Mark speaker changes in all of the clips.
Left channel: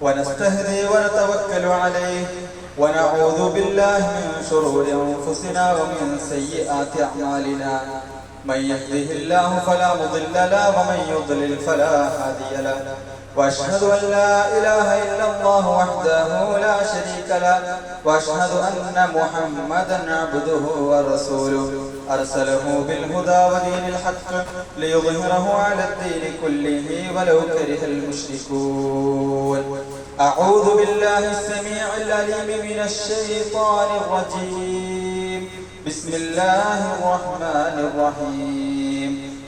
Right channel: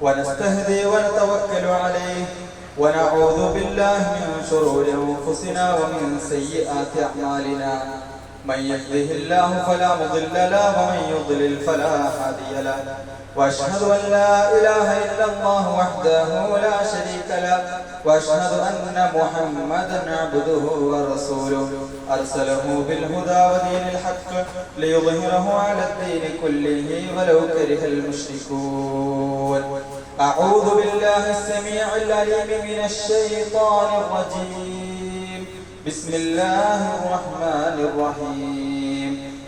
Speaker 1: ونستهدي ونتوكل عليه ونعوذ بالله من شرور انفسنا ومن سيئات اعمالنا من يهده الله فلا مضل له ومن يضلل فلا هادي له وأشهد أن لا إله إلا الله وحده لا شريك له وأشهد أن محمدا عبده ورسوله. أرسله بالهدى ودين الحق ليظهره على الدين كله ولو كره المشركون. أعوذ بالله السميع العليم من الشيطان الرجيم. بسم الله الرحمن الرحيم.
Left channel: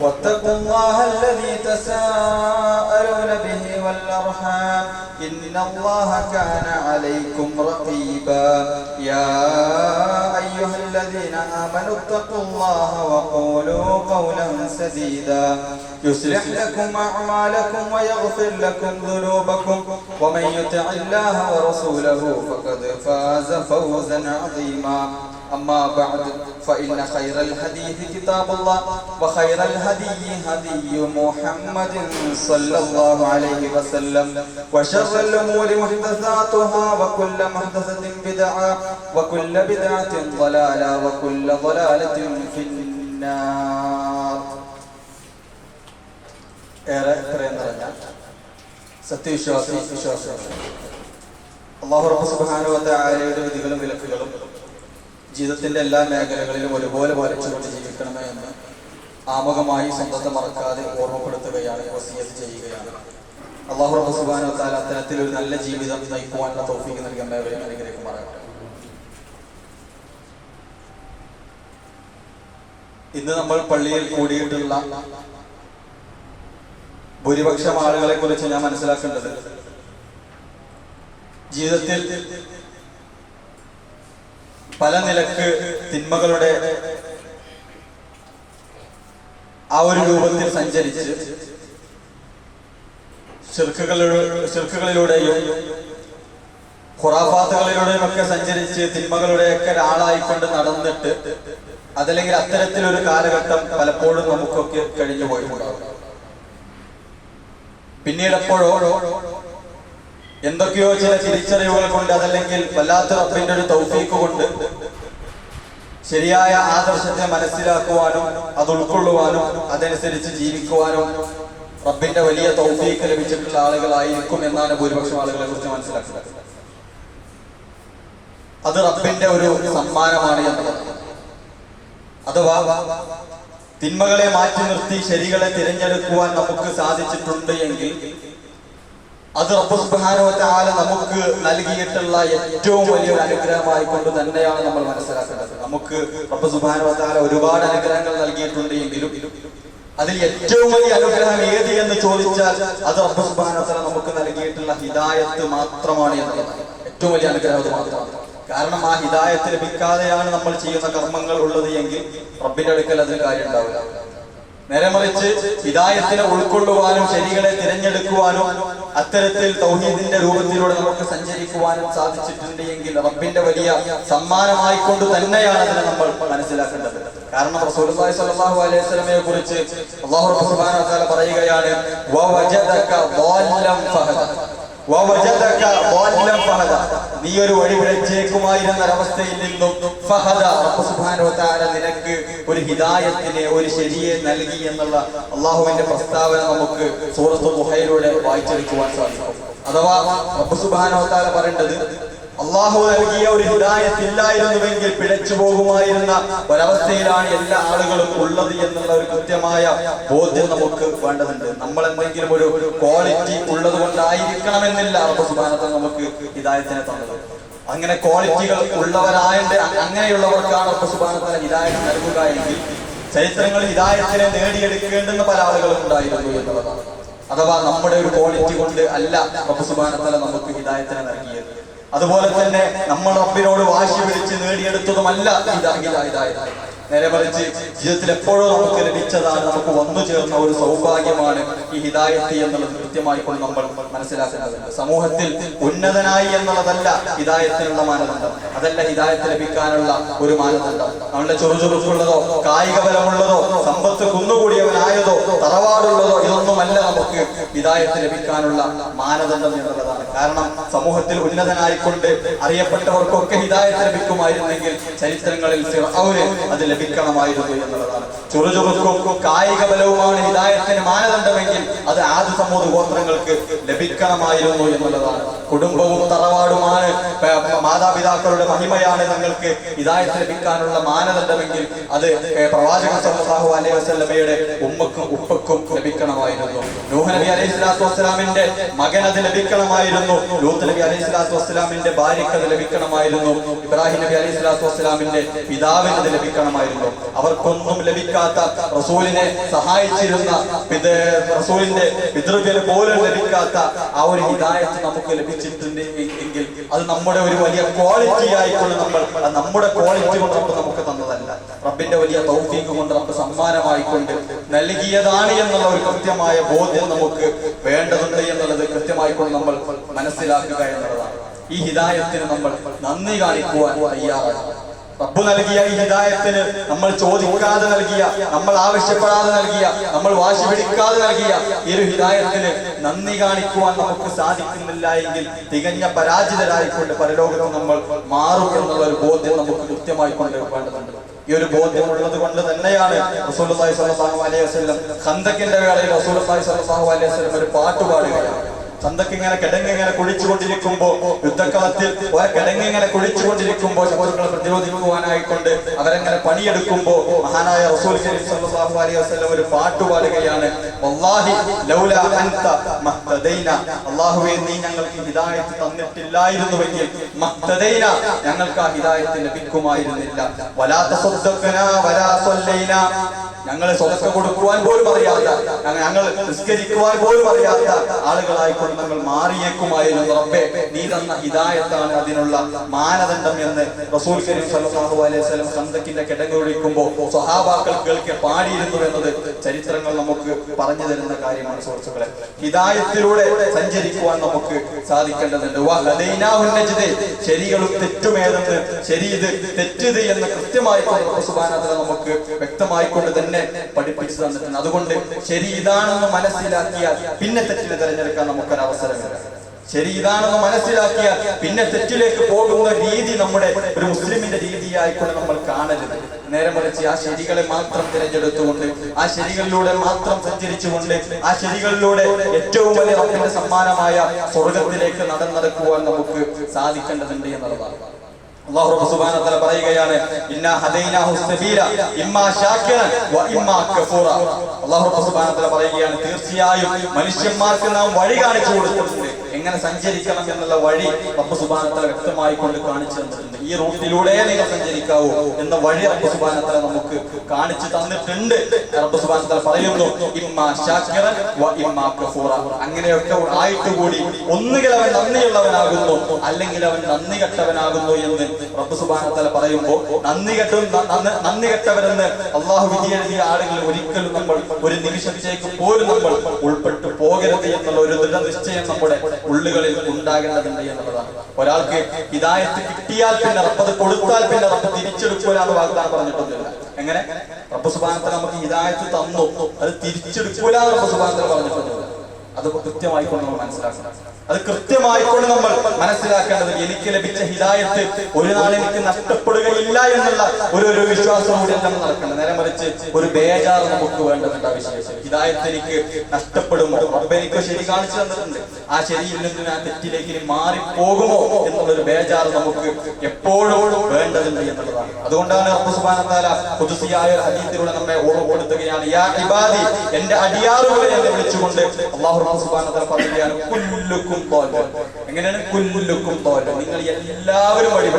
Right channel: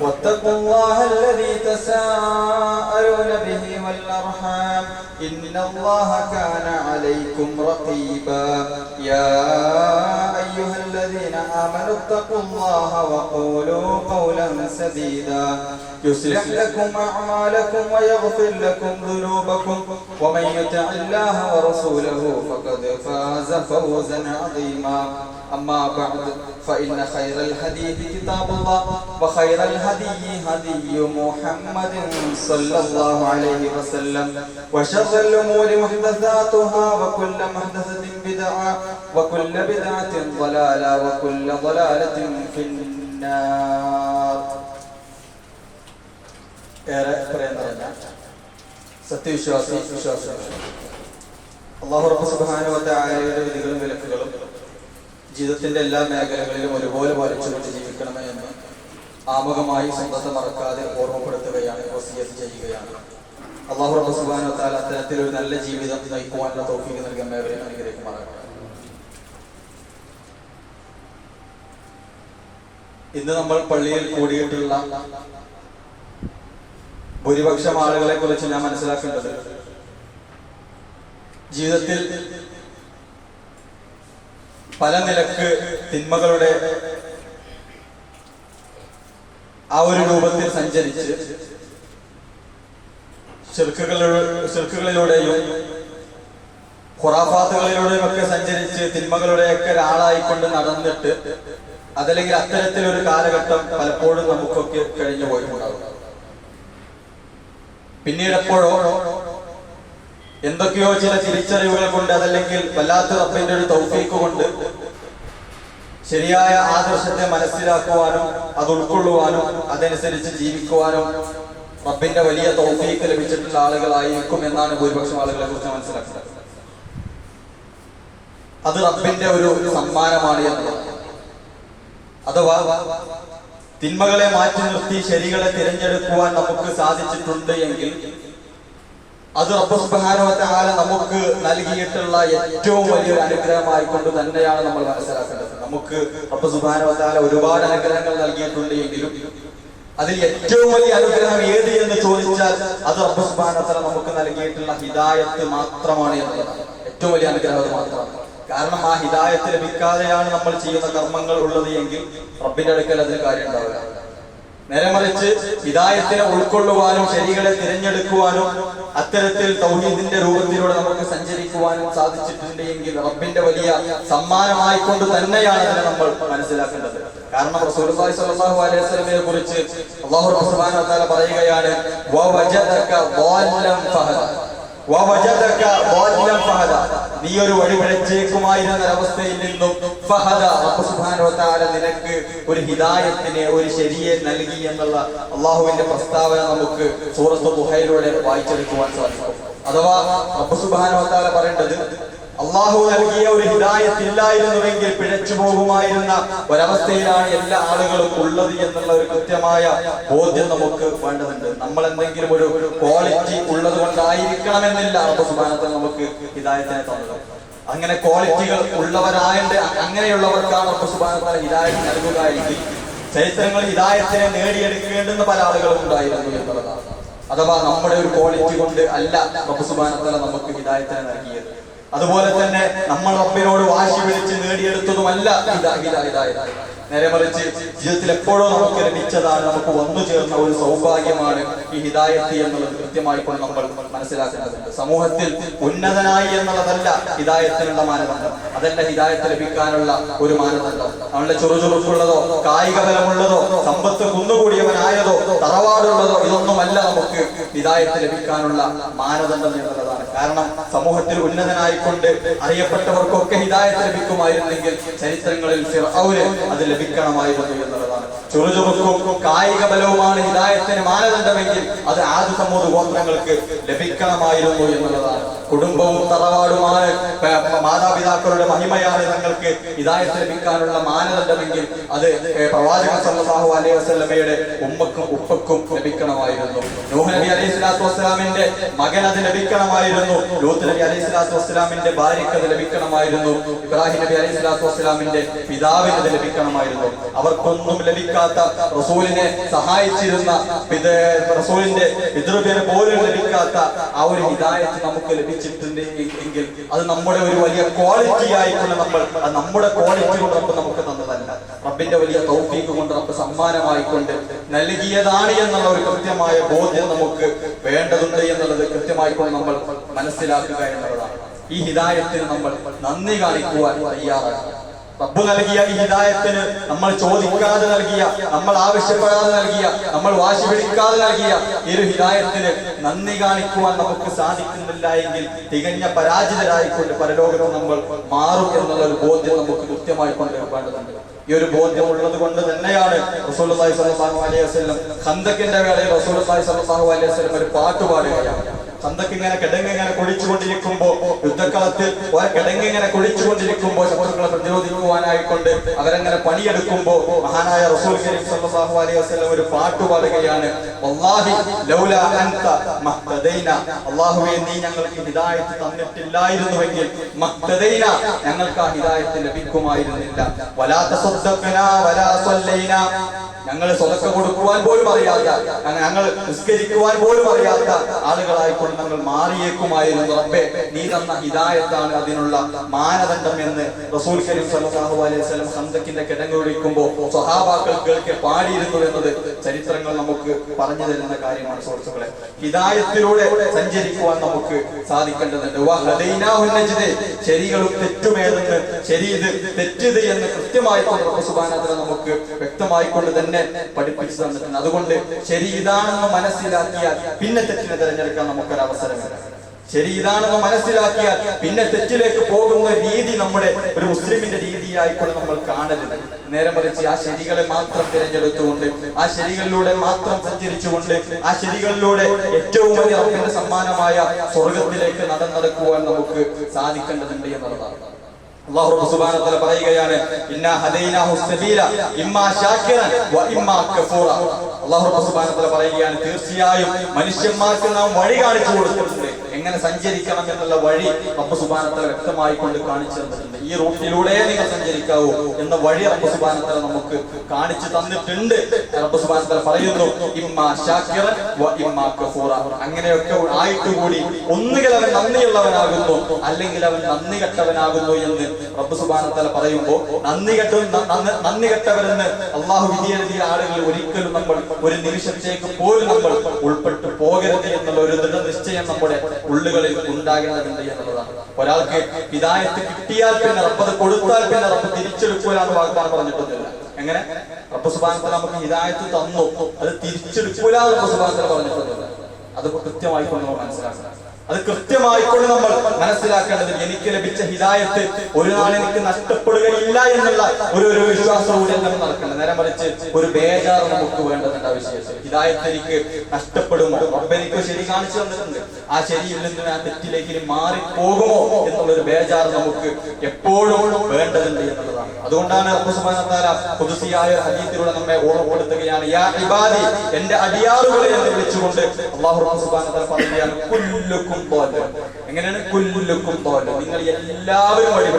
Speaker 1: واتقوا الله الذي تساءلون به والأرحام. إن الله كان عليكم رقيبا. يا أيها الذين آمنوا اتقوا الله وقولوا قولا سديدا. يصلح لكم أعمالكم ويغفر لكم ذنوبكم. ومن يطع الله ورسوله فقد فاز فوزا عظيما. أما بعد فإن خير الحديث كتاب الله وخير الهدي هدي محمد صلى الله عليه وسلم وشر الأمور محدثاتها وكل محدثة بدعة وكل بدعة ضلالة وكل ضلالة في النار ഏറെ പറയാൻ പറഞ്ഞ സത്യവിശ്വാസി വിശ്വാസികൾ അള്ളാഹു റബ്ബ് സുബ്ഹാനഹു വ തആലയുടെ വിധികളും വിലക്കുകളും ജീവിതത്തിന്റെ എല്ലാ മേഖലകളിലും ഒരുപോലെ വരച്ചുകൊണ്ട് ജീവിക്കണമേ എന്ന് ആമുഖമായി സ്വന്തത്തെ മറക്കാതെ ഓർമ്മപ്പെടുത്തുകയാണ് വസിയത്ത് ചെയ്യുകയാണ്. അള്ളാഹു റബ്ബ് സുബ്ഹാനഹു വ തആല അത്തരത്തിൽ ഒരു നല്ല ജീവിതം നയിക്കുവാനുള്ള തൗഫീഖ് നൽകാൻ എല്ലാവരെയും അനുഗ്രഹിക്കുമാറാകട്ടെ ഇന്ന് നമ്മൾ പള്ളിയിൽ കൂടിയിട്ടുള്ള ഭൂരിപക്ഷം ആളുകളെ കുറിച്ച് ഞാൻ മനസ്സിലാക്കേണ്ടത് ജീവിതത്തിൽ പല നിലയ്ക്ക് തിന്മകളുടെ ആ ഒരു രൂപത്തിൽ സഞ്ചരിച്ച് ചെറുക്കുകളിലൂടെയും ഖുറാഫാത്തുകളിലൂടെയും ഒക്കെ സഞ്ചരിച്ച് തിന്മകളുടെയൊക്കെ ഒരാളായിക്കൊണ്ട് നടന്നിട്ട് അതല്ലെങ്കിൽ അത്തരത്തിലൊരു കാലഘട്ടം പലപ്പോഴും നമുക്കൊക്കെ കഴിഞ്ഞു പോയിട്ടുണ്ടാവും പിന്നീട് എപ്പോഴോ എന്തൊക്കെയോ ചില തിരിച്ചറിവുകൾ കൊണ്ട് അതല്ലെങ്കിൽ വല്ലാത്ത റബ്ബിന്റെ ഒരു തൗഫീക്ക് കൊണ്ട് ശരിയായ ആദർശത്തെ മനസ്സിലാക്കുവാനും അത് ഉൾക്കൊള്ളുവാനും അതനുസരിച്ച് ജീവിക്കുവാനും റബ്ബിന്റെ വലിയ തൗഫീക്ക് ലഭിച്ചിട്ടുള്ള ആളുകളായിരിക്കും എന്നാണ് ഭൂരിപക്ഷം ആളുകളെ കുറിച്ച് മനസ്സിലാക്കുന്നത് അത് റബ്ബിന്റെ ഒരു സമ്മാനമാണ് എന്നുള്ളത്. അഥവാ തിന്മകളെ മാറ്റി നിർത്തി ശരികളെ തിരഞ്ഞെടുക്കുവാൻ നമുക്ക് സാധിച്ചിട്ടുണ്ട് എങ്കിൽ അത് റബ്ബ് സുബ്ഹാനഹു വ തആല നമുക്ക് നൽകിയിട്ടുള്ള ഏറ്റവും വലിയൊരു അനുഗ്രഹമായി കൊണ്ട് തന്നെയാണ് നമ്മൾ മനസ്സിലാക്കേണ്ടത്. നമുക്ക് റബ്ബ് തആല ഒരുപാട് അനുഗ്രഹങ്ങൾ നൽകിയിട്ടുണ്ട് എങ്കിലും അതിൽ ഏറ്റവും വലിയ അനുഗ്രഹം ഏത് എന്ന് ചോദിച്ചാൽ അത് റബ്ബ് നമുക്ക് നൽകിയിട്ടുള്ള ഹിദായത്ത് മാത്രമാണ് എന്നുള്ളതാണ്. ഏറ്റവും വലിയ അനുഗ്രഹം മാത്രമാണ്. കാരണം ആ ഹിദായത്ത് ലഭിക്കാതെയാണ് നമ്മൾ ചെയ്യുന്ന കർമ്മങ്ങൾ ഉള്ളത് എങ്കിൽ റബ്ബിന്റെ അടുക്കൽ അതിന് കാര്യം ഉണ്ടാവില്ല. നേരെ മറിച്ച് ഹിദായത്തിനെ ഉൾക്കൊള്ളുവാനും ശരികളെ തിരഞ്ഞെടുക്കുവാനും അത്തരത്തിൽ തൗഹീദിന്റെ രൂപത്തിലൂടെ നമുക്ക് സഞ്ചരിക്കുവാനും സാധിച്ചിട്ടുണ്ട് എങ്കിൽ റബ്ബിന്റെ വലിയ സമ്മാനമായിക്കൊണ്ട് തന്നെയാണ് അതിനെ നമ്മൾ മനസ്സിലാക്കേണ്ടത് കാരണം റസൂലുള്ളാഹി സ്വല്ലല്ലാഹു അലൈഹി വസല്ലമയെ കുറിച്ച് അല്ലാഹു സുബ്ഹാനഹു വ തആല പറയുകയാണ് വവജദക ضالًا ഫഹദ വവജദക ضالًا ഫഹദ നീ ഒരു വഴി പിഴച്ചേക്കുമായിരുന്ന ഒരവസ്ഥയിൽ നിന്നും ഫഹദ വ നിനക്ക് ഒരു ഹിദായത്തിനെ ഒരു ശരിയെ നൽകി എന്നുള്ള അള്ളാഹുവിന്റെ പ്രസ്താവന നമുക്ക് സൂറത്ത് മുഹയിലൂടെ വായിച്ചെടുക്കുവാൻ സാധിക്കും. അഥവാ റബ്ബു തആല പറയേണ്ടത് അള്ളാഹു നൽകിയ ഒരു ഹിദായത്ത് ഇല്ലായിരുന്നുവെങ്കിൽ പിഴച്ചു പോകുമായിരുന്ന ഒരവസ്ഥയിലാണ് എല്ലാ ആളുകളും ഉള്ളത് എന്നുള്ള ഒരു കൃത്യമായ ബോധ്യം നമുക്ക് വേണ്ടതുണ്ട്. നമ്മൾ എന്തെങ്കിലും ഒരു ക്വാളിറ്റി ഉള്ളത് കൊണ്ടായിരിക്കണമെന്നില്ല സുബ്ഹാനഹു നമുക്ക് ഹിദായത്തിനെ തന്നത്. അങ്ങനെ ക്വാളിറ്റികൾ ഉള്ളവരായണ്ട് അങ്ങനെയുള്ളവർക്കാണ് സുബ്ഹാനഹു വ ഹിദായത്ത് നൽകുക എങ്കിൽ ചരിത്രങ്ങൾ ഹിദായത്തിനെ നേടിയെടുക്കേണ്ടുന്ന പല ആളുകളും ഉണ്ടായിരുന്നു എന്നുള്ളതാണ്. അഥവാ നമ്മുടെ ഒരു ക്വാളിറ്റി കൊണ്ട് അല്ല അപ്പൊ സുബാനത്തല നമുക്ക് ഹിദായത്തിനെ നൽകിയത്. അതുപോലെ തന്നെ നമ്മൾ റബ്ബിനോട് വാശി പിടിച്ച് നേടിയെടുത്തതുമല്ല. ഇതാ നേരെ മറിച്ച് ജീവിതത്തിൽ എപ്പോഴോ നമുക്ക് ലഭിച്ചതാണ് നമുക്ക് വന്നു ചേർന്ന ഒരു സൗഭാഗ്യമാണ് ഈ ഹിതായത്തി എന്നുള്ളത് കൊണ്ട് നമ്മൾ മനസ്സിലാക്കേണ്ടതുണ്ട്. സമൂഹത്തിൽ ഉന്നതനായി എന്നുള്ളതല്ല ഹിതായത്തിനുള്ള മാനദണ്ഡം. അതല്ല ഹിദായത്ത് ലഭിക്കാനുള്ള ഒരു മാനദണ്ഡം. നമ്മളുടെ ചുറുചുറുക്കുള്ളതോ കായിക ബലമുള്ളതോ സമ്പത്ത് കുന്നുകൂടിയവനായതോ തറവാടുള്ളതോ ഇതൊന്നുമല്ല നമുക്ക് ഹിതായത്ത് ലഭിക്കാനുള്ള മാനദണ്ഡം എന്നുള്ളതാണ്. കാരണം സമൂഹത്തിൽ ഉന്നതനായിക്കൊണ്ട് അറിയപ്പെട്ടവർക്കൊക്കെ ഹിദായത്ത് ലഭിക്കുമായിരുന്നെങ്കിൽ ചരിത്രങ്ങളിൽ അവർ അത് ലഭിക്കണമായിരുന്നു എന്നുള്ളതാണ്. ചുറുചുറുക്കും കായിക ബലവുമാണ് ഹിതായത്തിന് മാനദണ്ഡമെങ്കിൽ അത് ആദ്യ സമൂഹ ഗോത്രങ്ങൾക്ക് ലഭിക്കണമായിരുന്നു എന്നുള്ളതാണ്. കുടുംബവും തറവാടുമാണ് മാതാപിതാക്കളുടെ മഹിമയാണ് തങ്ങൾക്ക് ഹിദായത്ത് ലഭിക്കാനുള്ള മാനദണ്ഡമെങ്കിൽ അത് പ്രവാചക പ്രവാചകൻ സല്ലല്ലാഹു അലൈഹി വസ്ലമയുടെ ഉമ്മക്കും ഉപ്പക്കും ലഭിക്കണമായിരുന്നു. നൂഹ് നബി അലൈഹി സ്വലാത്തു വസ്സലാമിന്റെ മകൻ അത് ലഭിക്കണമായിരുന്നു. ലൂത്ത് നബി അലൈഹി സ്വലാത്തു വസ്സലാമിന്റെ ഭാര്യയ്ക്ക് അത് ലഭിക്കണമായിരുന്നു. ഇബ്രാഹിം നബി അലൈഹി സ്വലാത്തു വസ്സലാമിന്റെ പിതാവിന് അത് ലഭിക്കണമായിരുന്നു. അവർക്കൊന്നും ലഭിക്കാത്ത റസൂലിനെ സഹായിച്ചിരുന്ന റസൂലിന്റെ പിതൃവ്യന് പോലും ലഭിക്കാത്ത ആ ഒരു ഹിദായത്ത് നമുക്ക് ലഭിച്ചിട്ടുണ്ട് എങ്കിൽ അത് നമ്മുടെ ഒരു വലിയ ക്വാളിറ്റി ആയിക്കൊണ്ട് നമ്മൾ അത് നമ്മുടെ ക്വാളിറ്റി കൊണ്ട് റബ്ബ് നമുക്ക് തന്നതല്ല. റബ്ബിന്റെ വലിയ തൗഫീക്ക് കൊണ്ട് റബ്ബ് സമ്മാനമായിക്കൊണ്ട് നൽകിയതാണ് എന്നുള്ള ഒരു കൃത്യമായ ബോധ്യം നമുക്ക് വേണ്ടതുണ്ട് എന്നുള്ളത് കൃത്യമായിക്കൊണ്ട് നമ്മൾ മനസ്സിലാക്കുക എന്നുള്ളതാണ്. ഈ ഹിതായത്തിന് നമ്മൾ നന്ദി കാണിക്കുവാൻ തയ്യാറാണ്. റബ്ബ് നൽകിയ ഈ ഹിതായത്തിന് നമ്മൾ ചോദിക്കാതെ നൽകിയ നമ്മൾ ആവശ്യപ്പെടാതെ നൽകിയ നമ്മൾ വാശി പിടിക്കാതെ നൽകിയ ഈ ഒരു ഹിതായത്തിന് നന്ദി കാണിക്കുവാൻ നമുക്ക് സാധിക്കുന്നില്ല എങ്കിൽ തികഞ്ഞ പരാജിതരായിക്കൊണ്ട് പരലോകത്ത് നമ്മൾ മാറും എന്നുള്ള ഒരു ബോധ്യം നമുക്ക് കൃത്യമായി കൊണ്ടുവരേണ്ടതുണ്ട്. ഈ ഒരു ബോധ്യം ഉള്ളത് കൊണ്ട് തന്നെയാണ് റസൂലുള്ളാഹി സ്വല്ലല്ലാഹു അലൈഹി വസ്ലം ഖന്തക്കിന്റെ വേളയിൽ റസൂലുള്ളാഹി സ്വല്ലല്ലാഹു അലൈഹി വസ്ലം ഒരു പാട്ട് പാടുകയാണ് ചന്തക്കിങ്ങനെ കിടങ്ങിങ്ങനെ കുഴിച്ചുകൊണ്ടിരിക്കുമ്പോ യുദ്ധക്കളത്തിൽ കിടങ്ങിങ്ങനെ കുഴിച്ചുകൊണ്ടിരിക്കുമ്പോ ശത്രുക്കളെ പ്രതിരോധിക്കുവാനായിക്കൊണ്ട് അവരങ്ങനെ പണിയെടുക്കുമ്പോ മഹാനായ റസൂൽ കരീം സല്ലല്ലാഹു അലൈഹി വസല്ലം ഒരു പാട്ട് പാടുകയാണ്. വല്ലാഹി ലൗല അൻത മഹ്തദൈന. അല്ലാഹുവേ നീ ഞങ്ങൾക്ക് ഹിദായത്ത് തന്നിട്ടില്ലായിരുന്നുവെങ്കിൽ മഹ്തദൈന ഞങ്ങൾക്ക് ആ ഹിദായത്ത് ലഭിക്കുമായിരുന്നില്ല. വലാ തസദ്ദഖന വലാ സല്ലൈന. ഞങ്ങൾ സ്വതക്ക കൊടുക്കുവാൻ പോലും അറിയാത്ത ഞങ്ങ- ഞങ്ങൾ നിസ്കരിക്കുവാൻ പോലും അറിയാത്ത ആളുകളായിക്കൊണ്ട് നമ്മൾ മാറിയേക്കുമായിരുന്നു റബ്ബേ നീ തന്ന ഹിതായത്താണ് അതിനുള്ള മാനദണ്ഡം എന്ന് റസൂൽ കരീം സല്ലല്ലാഹു അലൈഹി വസല്ലം സന്തക്കിന്റെ കിടങ്ങൊഴിക്കുമ്പോൾ സ്വഹാബാക്കൾ കേൾക്കെ പാടിയിരുന്നു എന്നത് ചരിത്രങ്ങൾ നമുക്ക് പറഞ്ഞു തരുന്ന കാര്യമാണ് സുഹൃത്തുക്കളെ ഹിതായത്തിലൂടെ സഞ്ചരിക്കുവാൻ നമുക്ക് സാധിക്കേണ്ടതുണ്ട്. ശരികളും തെറ്റുമേതെന്ന് ശരി ഇത് തെറ്റിത് എന്ന് കൃത്യമായി നമുക്ക് വ്യക്തമായി കൊണ്ട് തന്നെ പഠിപ്പിച്ചു തന്നിട്ടുണ്ട്. അതുകൊണ്ട് ശരി ഇതാണെന്ന് മനസ്സിലാക്കിയാൽ പിന്നെ തെറ്റിനെ തിരഞ്ഞെടുക്കാൻ നമുക്കൊരു അവസരമില്ല. ശരി ഇതാണെന്ന് മനസ്സിലാക്കിയാൽ പിന്നെ തെറ്റിലേക്ക് പോകുന്ന രീതി നമ്മുടെ ഒരു മുസ്ലിമിന്റെ രീതിയായിക്കൊണ്ട് നമ്മൾ കാണരുത്. നേരെ മറിച്ച് ആ ശരികളെ മാത്രം തിരഞ്ഞെടുത്തുകൊണ്ട് ആ ശരികളിലൂടെ മാത്രം സഞ്ചരിച്ചുകൊണ്ട് ആ ശരികളിലൂടെ ഏറ്റവും വലിയ അവരുടെ സമ്മാനമായ സ്വർഗത്തിലേക്ക് നടന്നെടുക്കുവാൻ നമുക്ക് സാധിക്കേണ്ടതുണ്ട് എന്നുള്ളതാണ്. സുബ്ഹാനഹു പറയുകയാണ് ഹദൈനാഹു ഇമ്മാ വ ഇമ്മാ കഫൂറ. സുബ്ഹാനഹു പറയുകയാണ് തീർച്ചയായും മനുഷ്യന്മാർക്ക് നാം വഴി കാണിച്ചു കൊടുത്തിട്ടുണ്ട്. എങ്ങനെ സഞ്ചരിക്കണം എന്നുള്ള വഴി റബ്ബ് തആല വ്യക്തമായി കൊണ്ട് കാണിച്ചു തന്നിട്ടുണ്ട്. ഈ റൂട്ടിലൂടെ നിങ്ങൾ സഞ്ചരിക്കാവൂ എന്ന വഴി റബ്ബ് വ നമുക്ക് കാണിച്ചു തന്നിട്ടുണ്ട്. റബ്ബ് വ പറയുന്നു വ അങ്ങനെയൊക്കെ ആയിട്ട് കൂടി ഒന്നുകിൽ അവൻ നന്ദിയുള്ളവനാകുന്നു അല്ലെങ്കിൽ അവൻ നന്ദി കെട്ടവനാകുന്നു എന്ന് റബ്ബ് സുബാനത്തല പറയുമ്പോൾ നന്ദി കെട്ടും നന്ദി- കെട്ടവരെന്ന് അള്ളാഹു വിധി എഴുതിയ ആളുകൾ ഒരിക്കലും നമ്മൾ ഒരു നിമിഷത്തേക്ക് പോലും നമ്മൾ ഉൾപ്പെട്ടു പോകരുത് എന്നുള്ള ഒരു ദൃഢ നിശ്ചയം നമ്മുടെ ഉള്ളുകളിൽ ഉണ്ടാകേണ്ടതുണ്ട് എന്നുള്ളതാണ്. ഒരാൾക്ക് ഹിദായത്ത് കിട്ടിയാൽ പിന്നെ റബ്ബ് അത് കൊടുത്താൽ പിന്നെ റബ്ബ് തിരിച്ചെടുക്കുക വാഗ്ദാനം പറഞ്ഞിട്ടൊന്നുമില്ല. എങ്ങനെ? റബ്ബ് സുബാനത്തിൽ നമുക്ക് ഹിദായത്ത് തന്നു. അത് തിരിച്ചെടുക്കൂല റബ്ബ് സുബാനത്തിൽ പറഞ്ഞിട്ടൊന്നുമില്ല. അത് കൃത്യമായിട്ട് നമ്മൾ മനസ്സിലാക്കണം. അത് കൃത്യമായിക്കൊണ്ട് നമ്മൾ മനസ്സിലാക്കേണ്ടത് എനിക്ക് ലഭിച്ച ഹിതായത്ത് ഒരു നാൾ എനിക്ക് നഷ്ടപ്പെടുകയില്ല എന്നുള്ള ഒരു ഒരു വിശ്വാസം കൂടി നമ്മൾ നടക്കണം. നേരെ മറിച്ച് ഒരു ബേജാർ നമുക്ക് വേണ്ടതുണ്ട് ആ വിശേഷം ഹിതായത്ത് എനിക്ക് നഷ്ടപ്പെടുമോ? റബ്ബ് എനിക്ക് ശരി കാണിച്ചു തന്നിട്ടുണ്ട്. ആ ശരിയിൽ നിന്ന് ആ തെറ്റിലേക്ക് മാറിപ്പോകുമോ എന്നുള്ളൊരു ബേജാർ നമുക്ക് എപ്പോഴും വേണ്ടതുണ്ട് എന്നുള്ളതാണ്. അതുകൊണ്ടാണ് അപ്പുസുമാനത്താല പുതുസിയായ ഒരു ഹദീസിലൂടെ നമ്മെ ഓർമ്മപ്പെടുത്തുകയാണ് യാ ഇബാദി എന്റെ അടിയാറുകളെ എന്ന് വിളിച്ചുകൊണ്ട് അള്ളാഹു അപ്പുസുമാനത്താല പറയുകയാണ് കുല്ലുക്കും എങ്ങനെയാണ്? കുല്ലുക്കും തോറ്റ നിങ്ങൾ എല്ലാവരും വഴി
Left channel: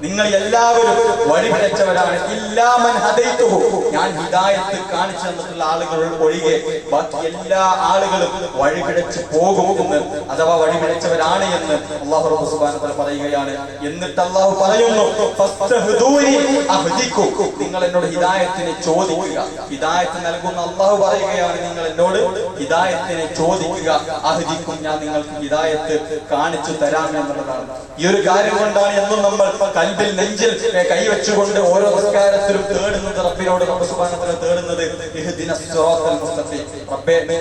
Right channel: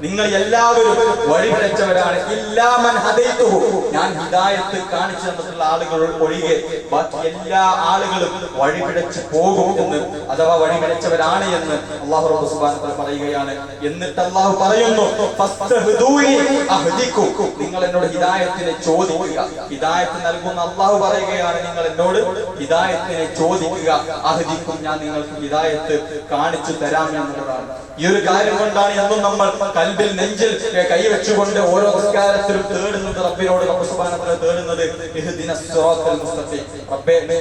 Speaker 1: നിങ്ങൾ എല്ലാവരും വഴിപിഴച്ചവരാണ്. ഇല്ലാമൻ ഹദൈതുഹു. ഞാൻ ഹിദായത്ത് കാണിച്ചു തന്നിട്ടുള്ള ആളുകൾ ഒഴികെ ബാക്കി എല്ലാ ആളുകളും വഴിപിഴച്ച് പോകും എന്ന് അഥവാ വഴിപിഴച്ചവരാണ് എന്ന് അള്ളാഹു റബ്ബ് പറയുകയാണ്. എന്നിട്ട് അള്ളാഹു പറയുന്നു നിങ്ങൾ എന്നോട് ഹിദായത്തിനെ ചോദിക്കുക. ഹിദായത്ത് നൽകുന്ന അള്ളാഹു പറയുകയാണ് നിങ്ങൾ എന്നോട് ഹിദായത്തിനെ ചോദിക്കുക. അഹദിക്കും ഞാൻ നിങ്ങൾക്ക് ഹിദായത്ത് കാണിച്ചു തരാം എന്നുള്ളതാണ്. ഈ ഒരു കാര്യം കൊണ്ടാണ് എന്നും നമ്മൾ കൽബിൽ നെഞ്ചിൽ കൈവച്ചുകൊണ്ട് ഓരോ നിസ്കാരത്തിലും തേടുന്നത് റബ്ബിനോട് റബ്ബ് സുബ്ഹാനഹു വ തആല തേടുന്നത്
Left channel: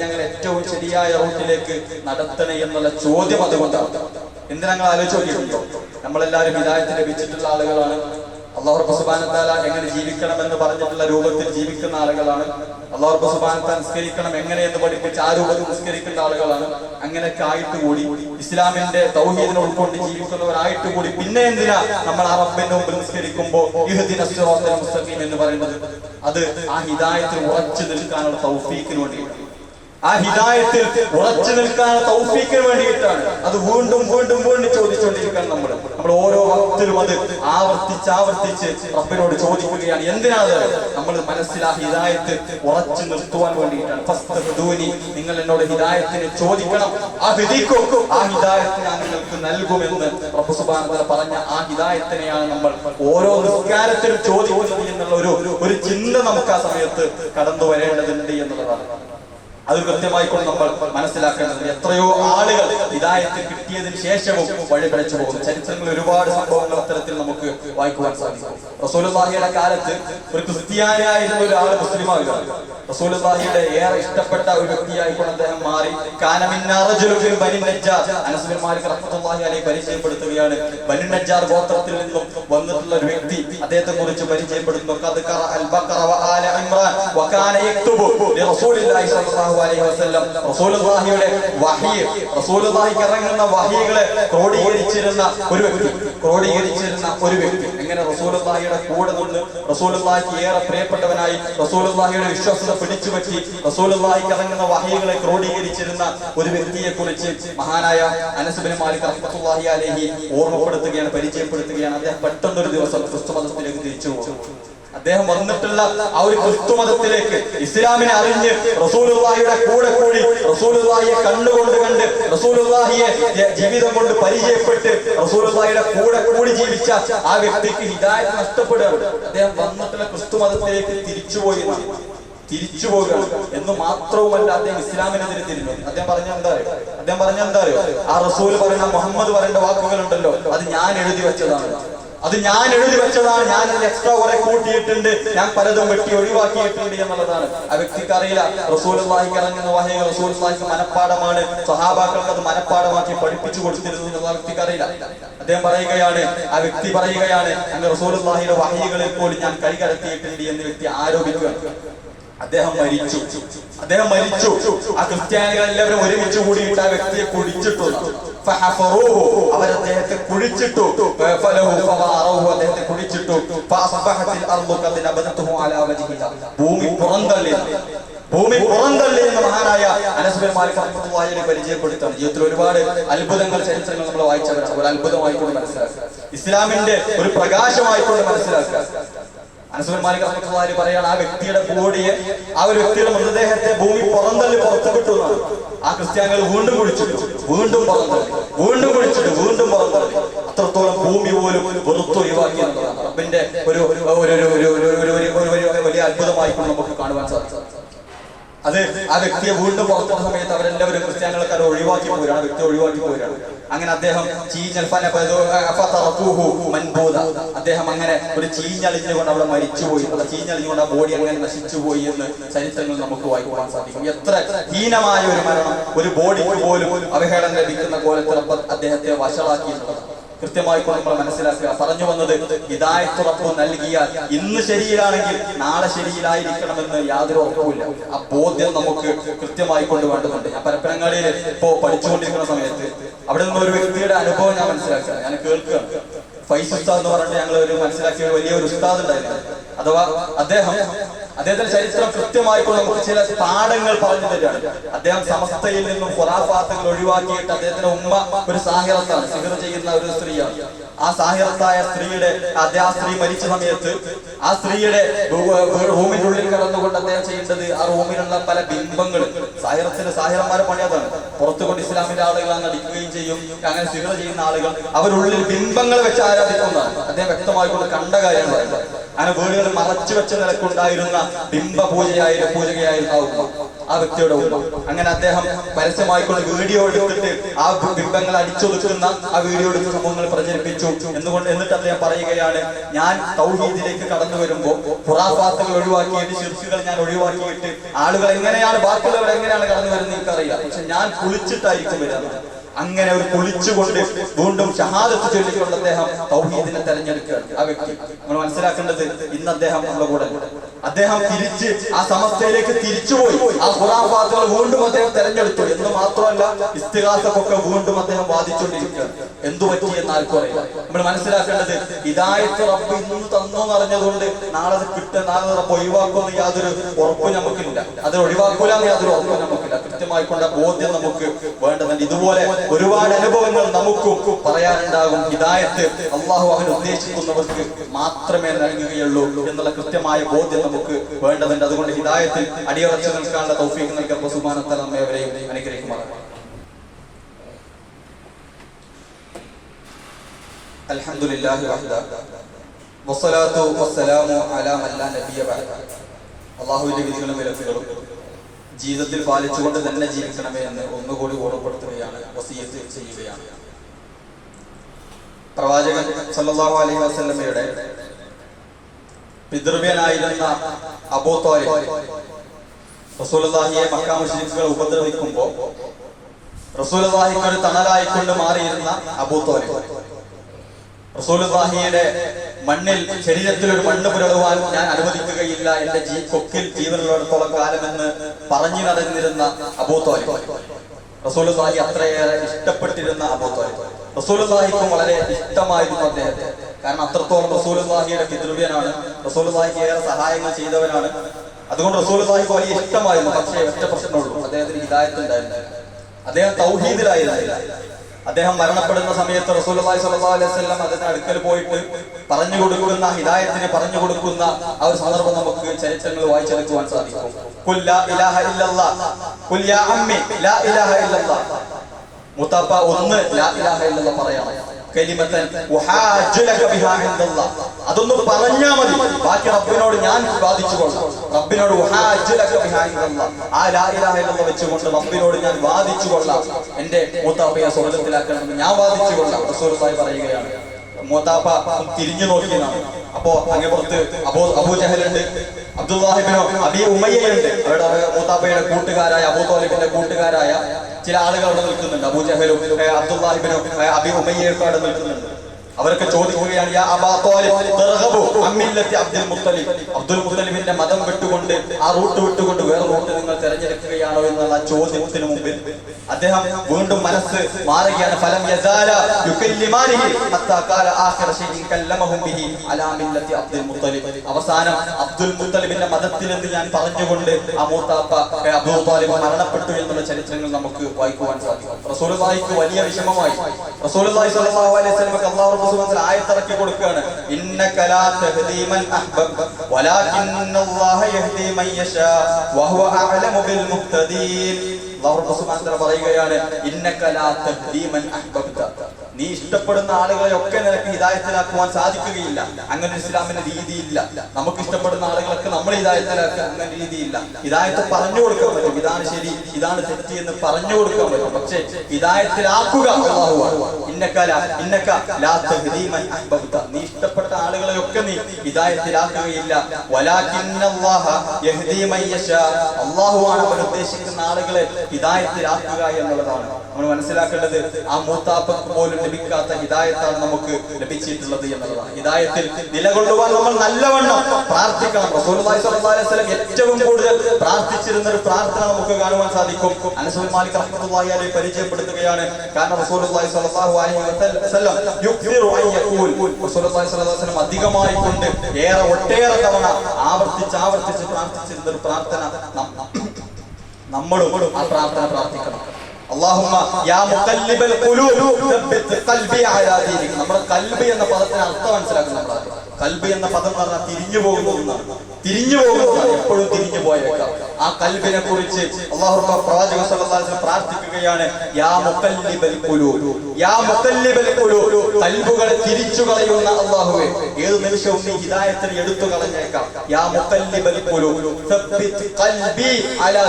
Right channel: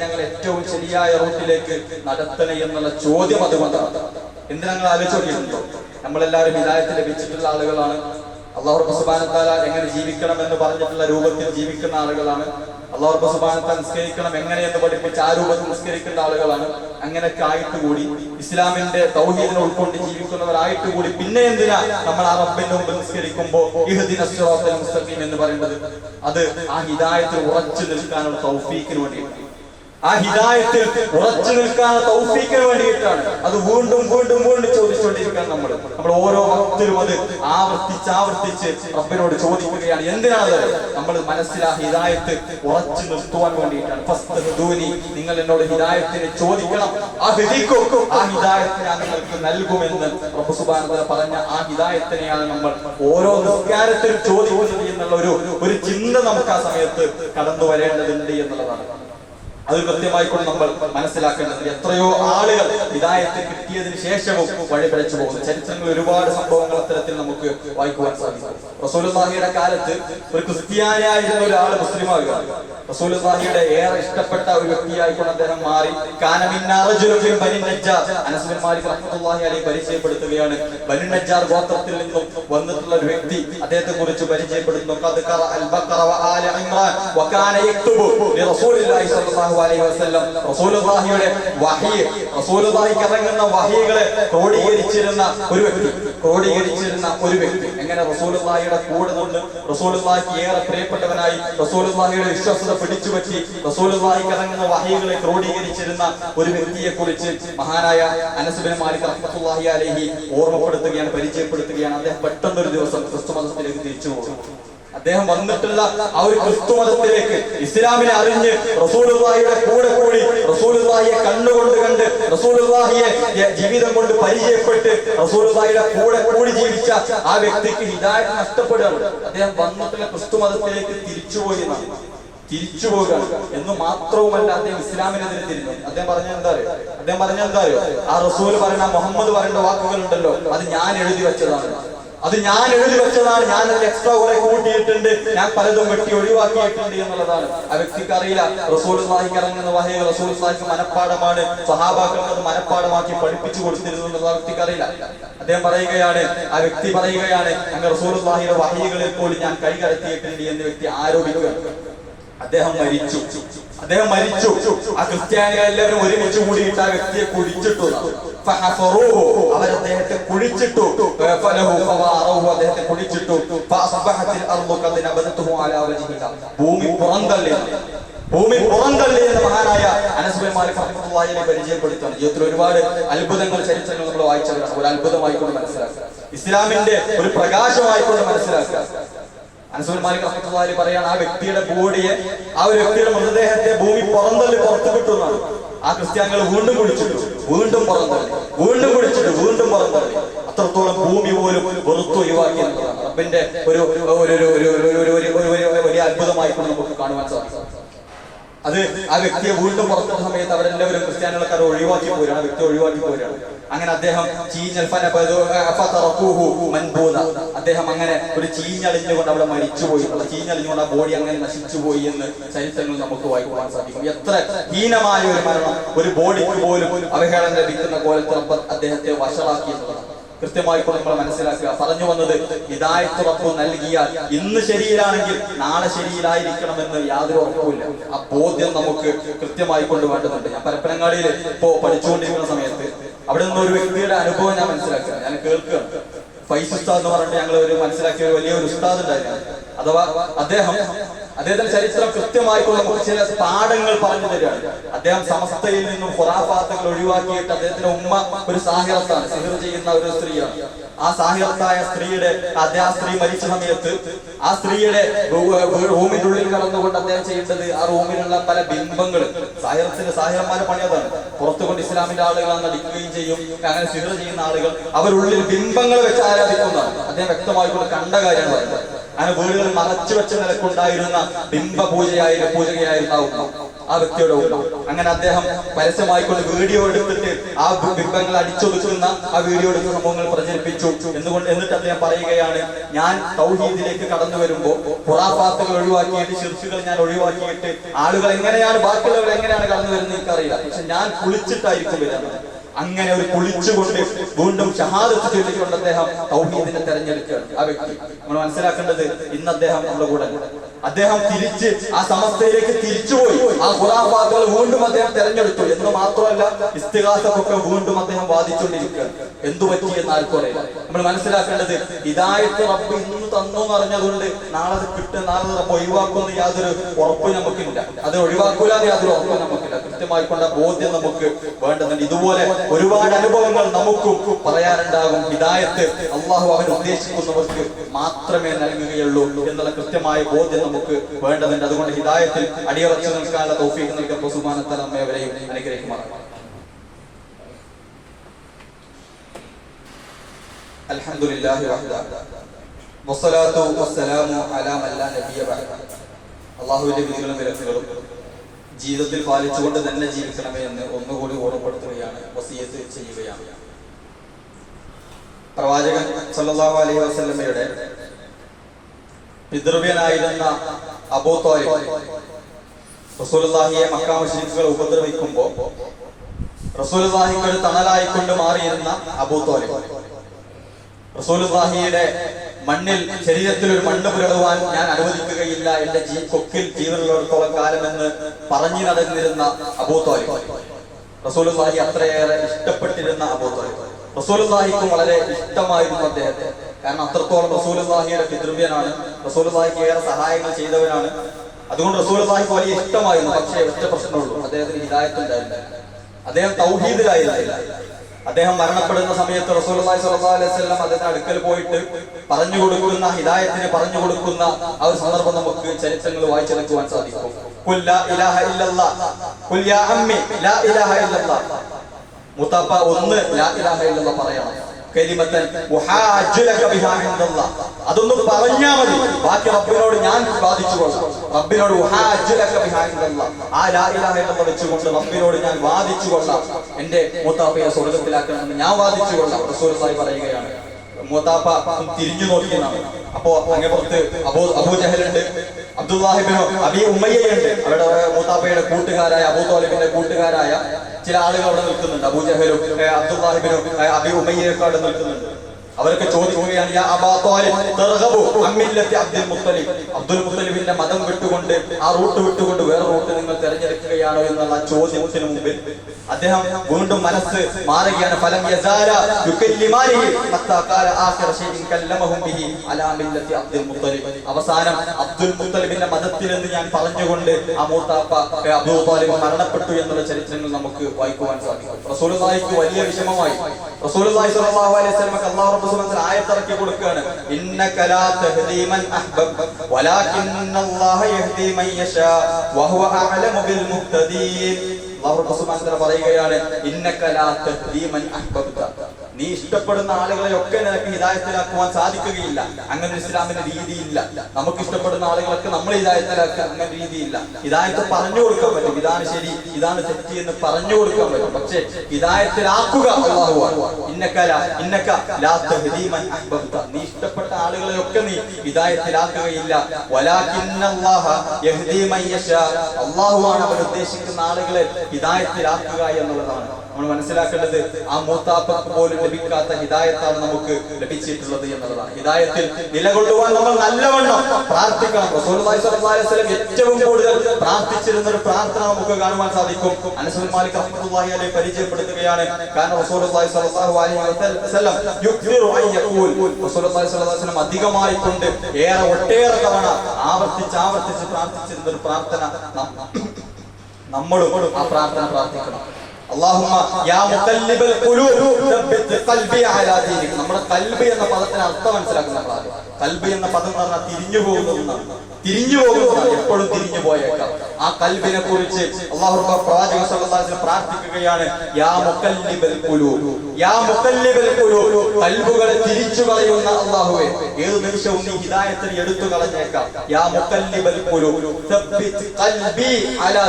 Speaker 1: ഞങ്ങൾ ഏറ്റവും ശരിയായ റൂട്ടിലേക്ക് നടത്തണേ എന്നുള്ള ചോദ്യം അതുകൊണ്ടാണ്. എന്തിനാ ഞങ്ങൾ ആലോചിച്ച് നോക്കിയിട്ടുണ്ടോ? നമ്മളെല്ലാവരും ഹിദായത്ത് ലഭിച്ചിട്ടുള്ള ആളുകളാണ്. അള്ളാഹു സുബാനത്താല എങ്ങനെ ജീവിക്കണം എന്ന് പറഞ്ഞിട്ടുള്ള രൂപത്തിൽ ജീവിക്കുന്ന ആളുകളാണ്. അള്ളാഹു സുബാനത്ത നിസ്കരിക്കണം എങ്ങനെയെന്ന് പഠിപ്പിച്ച് ആ രൂപത്തിൽ നിസ്കരിക്കുന്ന ആളുകളാണ്. അങ്ങനെയൊക്കെ ആയിട്ട് കൂടി ഇസ്ലാമിന്റെ തൗഹീദിനെ ഉൾക്കൊണ്ട് ജീവിക്കുന്നവരായിട്ട് കൂടി പിന്നെ എന്തിനാ നമ്മൾ ആ റബ്ബിന്റെ മുമ്പിൽ നിസ്കരിക്കുമ്പോൾ മുസ്തഖീം എന്ന് പറയുന്നത്? അത് ആ ഹിദായത്തിൽ ഉറച്ചു നിൽക്കാനുള്ള തൗഫീക്കിന് വേണ്ടിയിട്ടാണ്. ആ ഹിതായത്തിൽ ഉറച്ചു നിൽക്കാൻ തൗഫീക്കിന് വേണ്ടിയിട്ടാണ്. അത് വീണ്ടും വീണ്ടും വീണ്ടും ചോദിച്ചുകൊണ്ടിരിക്കണം നമ്മൾ. നമ്മൾ ഓരോ ഭക്തരും അത് ആവർത്തിച്ച് ആവർത്തിച്ച് റബ്ബിനോട് ചോദിക്കുകയാണ്. എന്തിനാത് നമ്മൾ മനസ്സിൽ ആ ഹിദായത്ത് ഉറച്ചു നിർത്തുവാൻ വേണ്ടിയിട്ടാണ്. നിങ്ങൾ എന്നോട് ഹിതായത്തിന് ചോദിക്കണം. ആ ഹൃദിക്കും ആ ഹിതായത്തിന് ഞാൻ നിങ്ങൾക്ക് നൽകുമെന്ന് പ്രഭു തആല പറഞ്ഞ ആ ഹിതായത്തിനെയാണ് നമ്മൾ ഓരോ നിസ്കാരത്തിലും ചോദിക്കുന്നത് എന്നുള്ള ഒരു ഒരു ചിന്ത നമുക്ക് ആ സമയത്ത് കടന്നു വരേണ്ടതുണ്ട് എന്നുള്ളതാണ്. അത് കൃത്യമായിക്കൊണ്ട് നമ്മൾ മനസ്സിലാക്കേണ്ടത് എത്രയോ ആളുകൾ ഇതായത്തിൽ കിട്ടിയതിന് ശേഷവും വഴിപിഴച്ചു പോകുന്നു. ചരിത്രങ്ങളിൽ ഒരുപാട് സംഭവങ്ങൾ അത്തരത്തിൽ നമുക്ക് വായിക്കുവാൻ സാധിക്കും. റസൂലുള്ളാഹിയുടെ കാലത്ത് ഒരു ക്രിസ്ത്യാനിയായിരുന്ന ഒരാൾ മുസ്ലിമാകുകയാണ് സാഹിയുടെ ഏറെ ഇഷ്ടപ്പെട്ട ഒരു വ്യക്തിയായിക്കൊണ്ട് അദ്ദേഹം മാറി. കാനമിന്നാ റജുലുൻ മിൻ ബനി നജ്ജാർ. അനസ് ബിൻ മാലിക് റഹ്മത്തുള്ളാഹി പരിചയപ്പെടുത്തുകയാണ്. ബനിൻ നജ്ജാർ ഗോത്രത്തിൽ നിന്നും വന്നിട്ടുള്ള ഒരു വ്യക്തി അദ്ദേഹത്തെ കുറിച്ച് പരിചയപ്പെടുത്തുന്നു അലൈഹി വസല്ലം റസൂലുള്ളാഹിയുടെ വഹീ റസൂലുള്ളാഹിക്ക് ഇറങ്ങുന്ന വഹീകളെ ക്രോഡീകരിച്ചിരുന്ന ഒരു വ്യക്തി. ക്രോഡീകരിച്ചിരുന്ന ഒരു വ്യക്തി. എങ്ങനെ റസൂലുള്ളാഹിയുടെ കൂടെ നിന്ന് റസൂലുള്ളാഹിക്ക് ഏറെ പ്രിയപ്പെട്ടവനായി റസൂലുള്ളാഹിയുടെ വിശ്വാസത പിടിച്ചുപറ്റി റസൂലുള്ളാഹിക്ക് ഇറങ്ങുന്ന വഹികളെ ക്രോഡീകരിച്ചിരുന്ന ഒരു വ്യക്തിയെ കുറിച്ച് മഹാനായ അനസ് ബിൻ മാലിക് റഹ്മത്തുള്ളാഹി അലൈഹി ഓർമ്മപ്പെടുത്തുകയാണ് പരിചയപ്പെടുത്തുകയാണ്. അദ്ദേഹം പെട്ടെന്നൊരു ദിവസം ക്രിസ്തു മതത്തിലേക്ക് തിരിച്ചു പോകും അദ്ദേഹം വന്നിട്ടുള്ള ആ ഒരു ക്രിസ്തു മതത്തിലേക്ക് ഇസ്ലാമിനെ അറിഞ്ഞ് റസൂലുള്ളാഹിയുടെ കൂടെ കൂടി റസൂലുള്ളാഹിയെ കണ്ണുകൊണ്ട് കണ്ട് റസൂലുള്ളാഹിയെ ജീവിതം കൊണ്ട് പരിചയപ്പെട്ട് റസൂലുള്ളാഹിയുടെ കൂടെ കൂടി ജീവിച്ച ആ വ്യക്തിക്ക് ഹിദായത്ത് നഷ്ടപ്പെടുകയാണ്. അദ്ദേഹം വന്നിട്ടുള്ള ക്രിസ്തു മതത്തിലേക്ക് തിരിച്ചുപോയി. തിരിച്ചു പോകുകയാണ് എന്ന് മാത്രവുമല്ല അദ്ദേഹം ഇസ്ലാമിനെതിരെ തിരിഞ്ഞു. അദ്ദേഹം പറഞ്ഞ എന്താ അറിയോ? അദ്ദേഹം പറഞ്ഞ എന്താ അറിയോ? ആ റസൂൽ പറയുന്ന മുഹമ്മദ് പറയേണ്ട വാക്കുകളുണ്ടല്ലോ അത് ഞാൻ എഴുതി വെച്ചതാണ്. അത് ഞാൻ എഴുതി വെച്ചതാണ്. ഞാൻ അതിൽ എക്സ്ട്രാ കുറെ കൂട്ടിയിട്ടുണ്ട്. ഞാൻ പലതും വെട്ടി ഒഴിവാക്കിയിട്ടുണ്ട് എന്നുള്ളതാണ്. ആ വ്യക്തിക്ക് അറിയില്ല. റസൂൽ സ്വാഹിക്ക് ഇറങ്ങുന്ന വഹയിൽ റസൂൽ സ്വാഹിക്ക് മനഃപ്പാടമാണ് സഹാബാക്കൾക്ക് അത് മനഃപ്പാടമാക്കി പഠിപ്പിച്ചു കൊടുത്തിരുന്നു എന്നുള്ള വ്യക്തിക്ക് അറിയില്ല. അദ്ദേഹം പറയുകയാണ് ആ വ്യക്തി പറയുകയാണ് അങ്ങനെ റസൂൽ സ്വാഹിയുടെ വഹയികളിൽ പോലും ഞാൻ കൈകടത്തിയിട്ടുണ്ട് എന്ന് വ്യക്തി ആരോപിക്കുക. അദ്ദേഹം മരിച്ചു. അദ്ദേഹം മരിച്ചു. ആ ക്രിസ്ത്യാനികൾ എല്ലാവരും ഒരുമിച്ച് കൂടിയിട്ട് ആ വ്യക്തിയെ ഫഹഫറൂഹു. അവർ അദ്ദേഹത്തെ കുഴിച്ചിട്ടു. അദ്ദേഹത്തെ കുഴിച്ചിട്ടു. ഭൂമി പുറന്തള്ളി. ഭൂമി പുറന്തള്ളി എന്ന് മഹാനായ അനസ് ബിൻ മാലിക് അലൈഹി പരിചയപ്പെടുത്താണ് ജീവിതത്തിൽ ഒരുപാട് അത്ഭുതങ്ങൾ ചരിത്രങ്ങൾ നമ്മൾ വായിച്ചവരാണ്. ഒരു അത്ഭുതമായിക്കൊണ്ട് മനസ്സിലാക്കുക. ഇസ്ലാമിന്റെ ഒരു പ്രകാശമായിക്കൊണ്ട് മനസ്സിലാക്കുക. അനസുമാലിക് അഹമ്മദ്വാരി പറയാണ് ആ വ്യക്തിയുടെ ബോഡിയെ ആ ഒരു വ്യക്തിയുടെ മൃതദേഹത്തെ ഭൂമി പുറന്തള്ളി പുറത്തു വിട്ടു ആ ക്രിസ്ത്യാനികൾ വീണ്ടും കുടിച്ചിട്ടു വീണ്ടും പുറന്തള്ളി വീണ്ടും കുടിച്ചിട്ട് വീണ്ടും പുറന്തള്ളി. അത്രത്തോളം ഭൂമി പോലും വെറുത്തു ഒഴിവാക്കി റബ്ബിന്റെ ഒരു ഒരു ഒരു ഒരു വലിയ അത്ഭുതമായിക്കൊണ്ട് നമുക്ക് കാണുവാൻ സാധിക്കും അത് ആ വ്യക്തിയെ വീണ്ടും പുറത്തുന്ന സമയത്ത് അവരെല്ലാവരും ക്രിസ്ത്യാനികളൊക്കെ അത് ഒഴിവാക്കി പോരാണ് വ്യക്തി ഒഴിവാക്കി പോരാണ് അങ്ങനെ അദ്ദേഹം മൻബൂദ. അദ്ദേഹം അങ്ങനെ ഒരു ചീഞ്ഞളിഞ്ഞുകൊണ്ട് അവിടെ മരിച്ചുപോയി. അവിടെ ചീഞ്ഞളിഞ്ഞുകൊണ്ട് ആ ബോഡി അങ്ങനെ നശിച്ചുപോയി എന്ന് ചരിത്രങ്ങൾ നമുക്ക് വായിക്കുവാൻ സാധിക്കും. എത്ര ഹീനമായ ഒരു മരണം. ഒരു ബോഡിക്ക് പോലും അവഹേളനം ലഭിക്കുന്ന കോലത്തിൽ അദ്ദേഹത്തെ വഷളാക്കി എന്നുള്ളതാണ്. കൃത്യമായി നമ്മൾ മനസ്സിലാക്കുക. പറഞ്ഞു വന്നത് ഹിദായത്തുറപ്പ് നൽകിയാൽ ഇന്ന് ശരിയിലാണെങ്കിൽ നാളെ ശരിയിലായിരിക്കണമെന്ന് യാതൊരു ഉറപ്പുമില്ല. ആ ബോധ്യം നമുക്ക് കൃത്യമായി കൊണ്ട് വേണ്ടതുണ്ട് ഞാൻ പരപ്പനങ്ങാടിയിൽ ഇപ്പോ പഠിച്ചുകൊണ്ടിരിക്കുന്ന സമയത്ത് അവിടെ നിന്ന് ഒരു വ്യക്തിയുടെ അനുഭവം ഞാൻ മനസ്സിലാക്കുക ഞാൻ കേൾക്കുകയാണ്. ഫൈസ് ഉസ്താദ് എന്ന് പറഞ്ഞിട്ട് ഞങ്ങൾ ഒരു മനസ്സിലാക്കിയ ഒരു വലിയ ഒരു ഉസ്താദ് ഉണ്ടായിരുന്നു. അഥവാ അദ്ദേഹം അദ്ദേഹത്തിന്റെ ചരിത്രം കൃത്യമായിക്കൊണ്ട് നമുക്ക് ചില പാഠങ്ങൾ പറഞ്ഞു തരികയാണ്. അദ്ദേഹം സമസ്തയിൽ നിന്നും ഖുറാഫാത്തുകൾ ഒഴിവാക്കിയിട്ട് അദ്ദേഹത്തിന്റെ ഉമ്മ ഒരു സാഹിറത്താണ് സിഹിർ ചെയ്യുന്ന ഒരു സ്ത്രീയാണ്. ആ സാഹിറത്തായ സ്ത്രീയുടെ അദ്ദേഹം ആ സ്ത്രീ മരിച്ച സമയത്ത് ആ സ്ത്രീയുടെ റൂമിന്റെ ഉള്ളിൽ കടന്നുകൊണ്ട് അദ്ദേഹം ചെയ്യേണ്ടത് ആ റൂമിലുള്ള പല ബിംബങ്ങൾ. സാഹിറത്തിന്റെ സാഹിറന്മാരെ പണിയതാണ് പുറത്തുകൊണ്ട് ഇസ്ലാമിന്റെ ആളുകളാണ് നടിക്കുകയും ചെയ്യും അങ്ങനെ സിഹിർ ചെയ്യുന്ന ആളുകൾ. അവരുള്ളിൽ ബിംബങ്ങൾ വെച്ച് ആരാധിക്കുന്നതാണ്. അദ്ദേഹം വ്യക്തമായിക്കൊണ്ട് കണ്ട കാര്യം പറയുന്നത് അങ്ങനെ വീടുകൾ മറച്ചു വെച്ച നിലക്കുണ്ടായിരുന്ന ബിംബ പൂജയായിരുന്നു പൂജകയായിരുന്നു ആ ഉമ്മ ആ വ്യക്തിയുടെ ഉമ്മ. അങ്ങനെ അദ്ദേഹം പരസ്യമായിക്കൊണ്ട് വീഡിയോ എടുത്തിട്ട് ആ ബിംബങ്ങൾ അടിച്ചൊതുക്കുന്ന ആ വീഡിയോ എടുത്ത് സമൂഹങ്ങൾ പ്രചരിപ്പിച്ചു. എന്നുകൊണ്ട് എന്നിട്ട് അദ്ദേഹം പറയുകയാണ് ഞാൻ തൗഹീദിലേക്ക് കടന്നു വരുമ്പോ ഖുറാഫാത്തുകൾ ഒഴിവാക്കിയിട്ട് ശിർക്കുകൾ ഞാൻ ഒഴിവാക്കിയിട്ട് ആളുകൾ എങ്ങനെയാണ് ബാക്കിയുള്ളവർ എങ്ങനെയാണ് കടന്നു വരുന്നത് എനിക്കറിയില്ല. പക്ഷെ ഞാൻ കുളിച്ചിട്ടായിരിക്കും വരുന്നത് അങ്ങനെ ഒരു കുളിച്ചുകൊണ്ട് വീണ്ടും ഷഹാദത്ത് ചൊല്ലിക്കൊണ്ട് അദ്ദേഹം തൗഹീദിനെ തെരഞ്ഞെടുക്കുകയാണ്. ആ വ്യക്തി. നമ്മൾ മനസ്സിലാക്കേണ്ടത് ഇന്ന് അദ്ദേഹം നമ്മുടെ കൂടെ. അദ്ദേഹം തിരിച്ച് ആ സമസ്തയിലേക്ക് തിരിച്ചുപോയി. ആ ഖുറാഫാത്തുകൾ വീണ്ടും അദ്ദേഹം തെരഞ്ഞെടുത്തു. എന്ന് മാത്രമല്ല ഇസ്തിഹാസക്കൊക്കെ വീണ്ടും അദ്ദേഹം വാദിച്ചുകൊണ്ടിരിക്കുകയാണ്. എന്തു പറ്റി എന്ന് ആർക്കും അറിയില്ല. നമ്മൾ മനസ്സിലാക്കേണ്ടത് ഹിദായത്ത് റബ്ബ് ഇന്ന് തന്നു എന്ന് അറിഞ്ഞതുകൊണ്ട് നാളെ കിട്ടുക നാളെ റബ്ബ് ഒഴിവാക്കുമെന്ന് യാതൊരു ഉറപ്പ് നമുക്കില്ല. അത് ഒഴിവാക്കൂല യാതൊരു ഉറപ്പ് നമുക്കില്ല. കൃത്യമായിക്കൊണ്ട ബോധ്യം നമുക്ക് വേണ്ടതുണ്ട് ഇതുപോലെ ഒരുപാട് അനുഭവങ്ങൾ നമുക്കും പറയാനുണ്ടാകും. ഹിദായത്ത് അള്ളാഹു അവൻ ഉദ്ദേശിക്കുന്നവർക്ക് മാത്രമേ നൽകുകയുള്ളൂ എന്നുള്ള കൃത്യമായ ബോധ്യം നമുക്ക് വേണ്ടതുണ്ട്. അതുകൊണ്ട് ഹിദായത്തിൽ അടിയുറച്ചു നിൽക്കാനുള്ള തൗഫീഖ് നൽകിയ ബഹുമാനത്തെ നമ്മെ അവരെയും അനുഗ്രഹിക്കുമാറാണ് അൽഹംദുലില്ലാഹി വഹദ. വസ്സലാത്തു വസ്സലാമു അലാ മല്ലാ നബിയ ബഅദ. അള്ളാഹുവിന്റെ വിധികളും വിലക്കുകളും ജീവിതത്തിൽ പാലിച്ചുകൊണ്ട് തന്നെ ജീവിക്കണമേ എന്ന് ഒന്നുകൂടി ഓർമ്മപ്പെടുത്തുകയാണ് വസീയത്ത് ചെയ്യുകയാണ്. പ്രവാചകൻ സല്ലല്ലാഹു അലൈഹി വസല്ലമയുടെ പിതൃവ്യനായിരുന്ന അബൂ ത്വാലിബ് റസൂലുള്ളാഹിയെ മക്ക മുശ്രിക്കുകൾ ഉപദ്രവിക്കുമ്പോൾ റസൂലുള്ളാഹിക്ക് ഒരു തണലായിക്കൊണ്ട് മാറിയിരുന്ന അബൂ ത്വാലിബ് റസൂലുള്ളാഹിയുടെ മണ്ണിൽ ശരീരത്തിൽ ഒരു മണ്ണ് പുരളുവാൻ ഞാൻ അനുവദിക്കുകയില്ല. എന്റെ ജീ കൊക്കിൽ ജീവനുള്ളിടത്തോളം കാലമെന്ന് പറഞ്ഞു നടന്നിരുന്ന അബൂത്തോലി റസൂൽ റസൂലുള്ളാഹി അത്രയേറെ ഇഷ്ടപ്പെട്ടിരുന്ന അബൂത്തോലി റസൂൽ വളരെ ഇഷ്ടമായിരുന്നു അദ്ദേഹത്തെ. കാരണം അത്രത്തോളം റസൂലുള്ളാഹിയുടെ പിതൃവ്യനാണ്. റസൂലുള്ളാഹിക്ക് ഏറെ സഹായങ്ങൾ ചെയ്തവനാണ്. അതുകൊണ്ട് റസൂലുള്ളാഹിക്ക് വലിയ ഇഷ്ടമായിരുന്നു. പക്ഷേ ഒറ്റ പ്രശ്നമുള്ളൂ അദ്ദേഹത്തിന് ഹിദായത്തുണ്ടായിരുന്നില്ല. അദ്ദേഹം തൗഹീദിലായിരുന്നില്ല. അദ്ദേഹം മരണപ്പെടുന്ന സമയത്ത് അലൈഹി വസല്ലം അദ്ദേഹത്തിന്റെ അടുക്കൽ പോയിട്ട് പറഞ്ഞു കൊടുക്കുന്ന ഹിദായത്തിനെ പറഞ്ഞു കൊടുക്കുന്ന ആ ഒരു സന്ദർഭം നമുക്ക് ചരിത്രങ്ങൾ വായിച്ചെടുക്കുവാൻ സാധിക്കും. ഒന്ന് ലാ അതൊന്ന് പറഞ്ഞാ മതി. ബാക്കി റബ്ബിനോട് ഞാൻ വാദിച്ചു കൊള്ളാം റബ്ബിനോട് വെച്ചുകൊണ്ട് റബ്ബിനോട് ഞാൻ വാദിച്ചു കൊള്ളാം എന്റെ മൂത്താപ്പയെ സ്വർഗത്തിലാക്കണമെന്ന് ഞാൻ വാദിച്ചു കൊള്ളാം സാഹിബ് പറയുകയാണ്. മൂത്താപ്പ തിരിഞ്ഞു നോക്കിയതാണ് അപ്പോ അങ്ങേ പുറത്ത് അബൂ അബൂജഹലുണ്ട് അബ്ദുല്ലാഹിബിനോ അബി ഉമ്മയ്യുണ്ട് അവരുടെ മൂത്താപ്പയുടെ കൂട്ടുകാരായ അബൂ തോലിബിന്റെ കൂട്ടുകാരായ ചില ആളുകൾ അവിടെ നിൽക്കുന്നുണ്ട്. അബൂ അബൂജഹലും അബ്ദുല്ലാഹിബിനോ അബി ഉമ്മയ്യൊക്കെ അവിടെ നിൽക്കുന്നുണ്ട്. അവരൊക്കെ ചോദിക്കുകയാണ് അബ്ദുൽ മുത്തലിബ്. അബ്ദുൽ മുത്തലിബിന്റെ മതം വിട്ടുകൊണ്ട് ആ റൂട്ട് വിട്ടുകൊണ്ട് വേറെ റൂട്ട് നിങ്ങൾ തിരഞ്ഞെടുക്കുകയാണോ എന്നുള്ള ചോദ്യത്തിന് മുമ്പിൽ അദ്ദേഹം വീണ്ടും മനസ്സ് മാറുകയാണ്. ഫലം അവസാനം അബ്ദുൽ മുത്തലിബിന്റെ മതത്തിൽ എന്ന് ഞാൻ പറഞ്ഞുകൊണ്ട് ആ മൂത്താപ്പ അബ്ദുൽ അബൂ താലിബ് മരണപ്പെട്ടു എന്നുള്ള ചരിത്രങ്ങൾ നമുക്ക് വായിക്കുവാൻ സാധിക്കും. റസൂലുള്ളാഹിക്ക് വലിയ വിഷമമായി. റസൂലുള്ളാഹി സ്വല്ലല്ലാഹു അലൈഹി അല്ലാഹു റബ്ബുൽ സുബ്ഹാനഹു ആയത്തിറക്കി കൊടുക്കുകയാണ്. ഇന്നക ലാ തഹ്ദീ മൻ അഹ്ബബ് യഹ്ദീ മൻ വഹുവ അഅലമു ബിൽ മുഹ്തദീൻ. റബ്ബുൽ സുബ്ഹാനഹു പറയുകയാണ് ഇന്നക ലാ തഹ്ദീ നീ ഇഷ്ടപ്പെടുന്ന ആളുകളെയൊക്കെ നിനക്ക് ഹിതായത്തിലാക്കുവാൻ സാധിക്കുകയില്ല. അങ്ങനെ ഇസ്ലാമിന്റെ രീതിയില്ല. നമുക്ക് ഇഷ്ടപ്പെടുന്ന ആളുകളൊക്കെ നമ്മൾ ഹിതായത്തിലാക്കുക അങ്ങനെ രീതിയില്ല. ഹിതായത്ത് പറഞ്ഞു കൊടുക്കാൻ പറ്റും. ഇതാണ് ശരി ഇതാണ് തെറ്റ് എന്ന് പറഞ്ഞു കൊടുക്കാൻ പറ്റും. പക്ഷേ ഹിതായത്തിലാക്കുക നീ ഇഷ്ടപ്പെട്ട ആളുകളെയൊക്കെ നീ ഹിതായത്തിലാക്കുകയില്ല അള്ളാഹുവാണ് അവൻ ഉദ്ദേശിക്കുന്ന ആളുകളെ ഹിതായത്തിലാക്കുക എന്നുള്ളതാണ്. നമ്മൾ മനസ്സിലാക്കേണ്ടത് ആ മൂത്താപ്പക്ക് പോലും ലഭിക്കാത്ത ഹിദായത്താണ് നമുക്ക് ലഭിച്ചിട്ടുള്ളത് എന്നുള്ളതാണ്. ഹിദായത്തിൽ നിലകൊള്ളുവാൻ നമ്മൾ നല്ലവണ്ണം പ്രാർത്ഥിക്കണം. റസൂലുള്ളാഹി ഏറ്റവും കൂടുതൽ പ്രാർത്ഥിച്ചിരുന്ന ഒരു പ്രാർത്ഥന നമുക്ക് കാണുവാൻ സാധിക്കും. അനസുൽ മാലിക് അലൈഹി പരിചയപ്പെടുത്തുകയാണ്. കാരണം റസൂലുള്ളാഹി സ്വല്ലല്ലാഹു അലൈഹി വസല്ലം യുക്തിറു അൻ യഖൂൽ. റസൂലുള്ളാഹി അലൈഹി അധികമായി കൊണ്ട് ഏറെ ഒട്ടേറെ തവണ ആവർത്തിച്ച് ആവർത്തിച്ച് പ്രാർത്ഥിച്ചിരുന്ന ഒരു പ്രാർത്ഥന നമ്മളും ആ പ്രാർത്ഥന പ്രാർത്ഥിക്കണം. അല്ലാഹുമ്മ യാ മുഖല്ലിബൽ ഖുലൂബ് തബ്ബിത് ഖൽബി അലാ ദീനിക്. നമ്മൾ കൽബ് എന്ന പദത്തിന് അർത്ഥം മനസ്സിലാക്കുന്നതാണ് കൽബ് എന്ന പദം എന്ന് പറഞ്ഞാൽ തിരിഞ്ഞു പോകുന്നതാണ് തിരിഞ്ഞു പോകുന്നു. എപ്പോഴും തിരിഞ്ഞു പോയേക്കാം. ആ കൽബിനെ കുറിച്ച് അള്ളാഹു പ്രാർത്ഥിക്കുകയാണ്. യാ മുഖല്ലിബൽ ഖുലൂബ്. യാ മുഖല്ലിബൽ ഖുലൂബ്. കൽബുകളെ തിരിച്ചു കളയുന്ന അല്ലാഹുവേ ഏത് നിമിഷവും നീ ഹിദായത്തിന് എടുത്തു കളഞ്ഞേക്കാം. യാ മുഖല്ലിബൽ ഖുലൂബ്. സബ്ബിത് ഖൽബി അലാ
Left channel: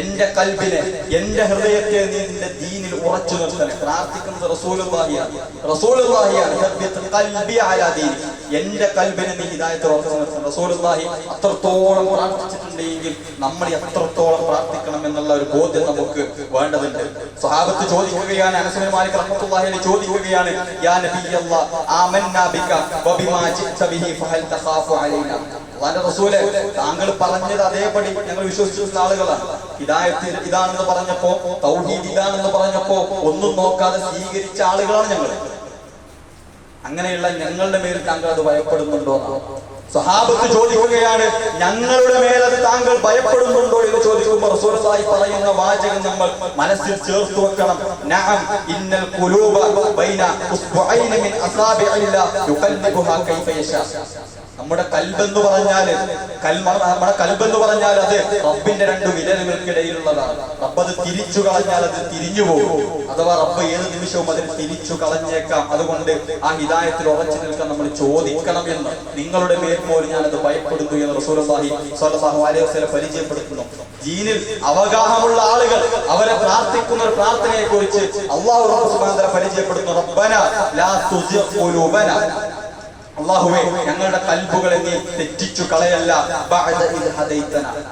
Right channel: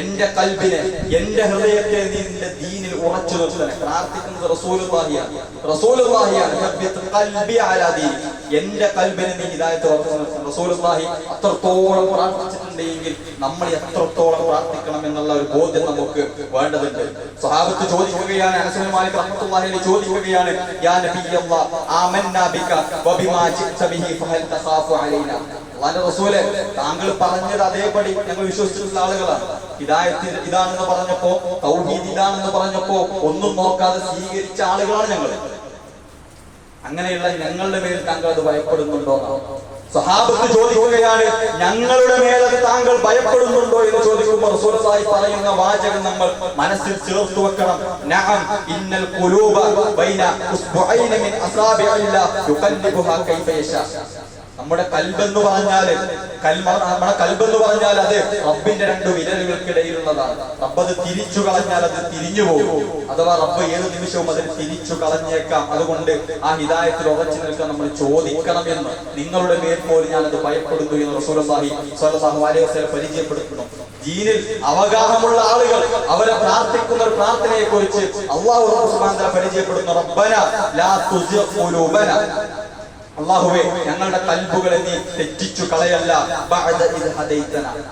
Speaker 1: എന്റെ കൽബിനെ എന്റെ ഹൃദയത്തെ നീ നിന്റെ ദീനിൽ ഉറച്ചു നിർത്തണേ. പ്രാർത്ഥിക്കുന്നത് റസൂലുള്ളാഹിയാണ് സബ്ബിത് ഖൽബി അലാ എന്റെ കൽബിനെ നീ ഹിദായത്തിൽ ഉറച്ചു നിർത്തണം. റസൂലുള്ളാഹി അത്രത്തോളം പ്രാർത്ഥിച്ചിട്ടുണ്ടെങ്കിൽ നമ്മൾ എത്രത്തോളം പ്രാർത്ഥിക്കണം എന്നുള്ള ഒരു ബോധ്യം നമുക്ക് വേണ്ടതുണ്ട്. സ്വഹാബത്ത് ചോദിക്കുകയാണ് മാലിക് റഹ്മത്തുള്ളാഹി ചോദിക്കുകയാണ് യാ ആമന്നാ ബിക വബിമാ ഫഹൽ തഖാഫു അലൈനാ. താങ്കൾ പറഞ്ഞത് അതേപടി ഞങ്ങൾ വിശ്വസിച്ചിരുന്ന ആളുകളാണ്. ഹിദായത്തിൽ ഇതാണെന്ന് പറഞ്ഞപ്പോ തൗഹീദ് ഇതാണെന്ന് പറഞ്ഞപ്പോ ഒന്നും നോക്കാതെ സ്വീകരിച്ച ആളുകളാണ് ഞങ്ങൾ. അങ്ങനെയുള്ള ഞങ്ങളുടെ മേൽ താങ്കൾ അത് ഭയപ്പെടുന്നുണ്ടോ സഹാബത്ത് ചോദിക്കുകയാണ് ഞങ്ങളുടെ മേലെ താങ്കൾ ഭയപ്പെടുന്നുണ്ടോ? എന്ന് ചോദിക്കുമ്പോൾ പറയുന്ന വാചകം നമ്മൾ മനസ്സിൽ ചേർത്ത് വെക്കണം. നഅം ഇന്നൽ ഖുലൂബ ബൈന മിൻ കൈഫ യശാ. നമ്മുടെ കൽബെന്ന് പറഞ്ഞാൽ നമ്മുടെ കൽബെന്ന് പറഞ്ഞാൽ അത് റബ്ബിന്റെ രണ്ട് വിരലുകൾക്കിടയിലുള്ളതാണ്. റബ്ബ് അത് തിരിച്ചു കളഞ്ഞാൽ അത് തിരിഞ്ഞു പോകും. അഥവാ റബ്ബ് ഏത് നിമിഷവും അതിന് തിരിച്ചു കളഞ്ഞേക്കാം. അതുകൊണ്ട് ആ ഹിതായത്തിൽ ഉറച്ചു നിൽക്കാൻ നമ്മൾ ചോദിക്കണം എന്ന്. നിങ്ങളുടെ പേര് പോലും ഞാൻ അത് ഭയപ്പെടുന്നു എന്ന് അലൈഹി വസല്ലം പരിചയപ്പെടുത്തുന്നു. ജീനിൽ അവഗാഹമുള്ള ആളുകൾ അവരെ പ്രാർത്ഥിക്കുന്ന ഒരു പ്രാർത്ഥനയെ കുറിച്ച് അള്ളാഹു പരിചയപ്പെടുന്നു. റബ്ബന ലാ തുസിഗ് ഖുലൂബന. അള്ളാഹുവേ ഞങ്ങളുടെ കൽബുകളെ നീ തെറ്റിച്ചു കളയല്ല.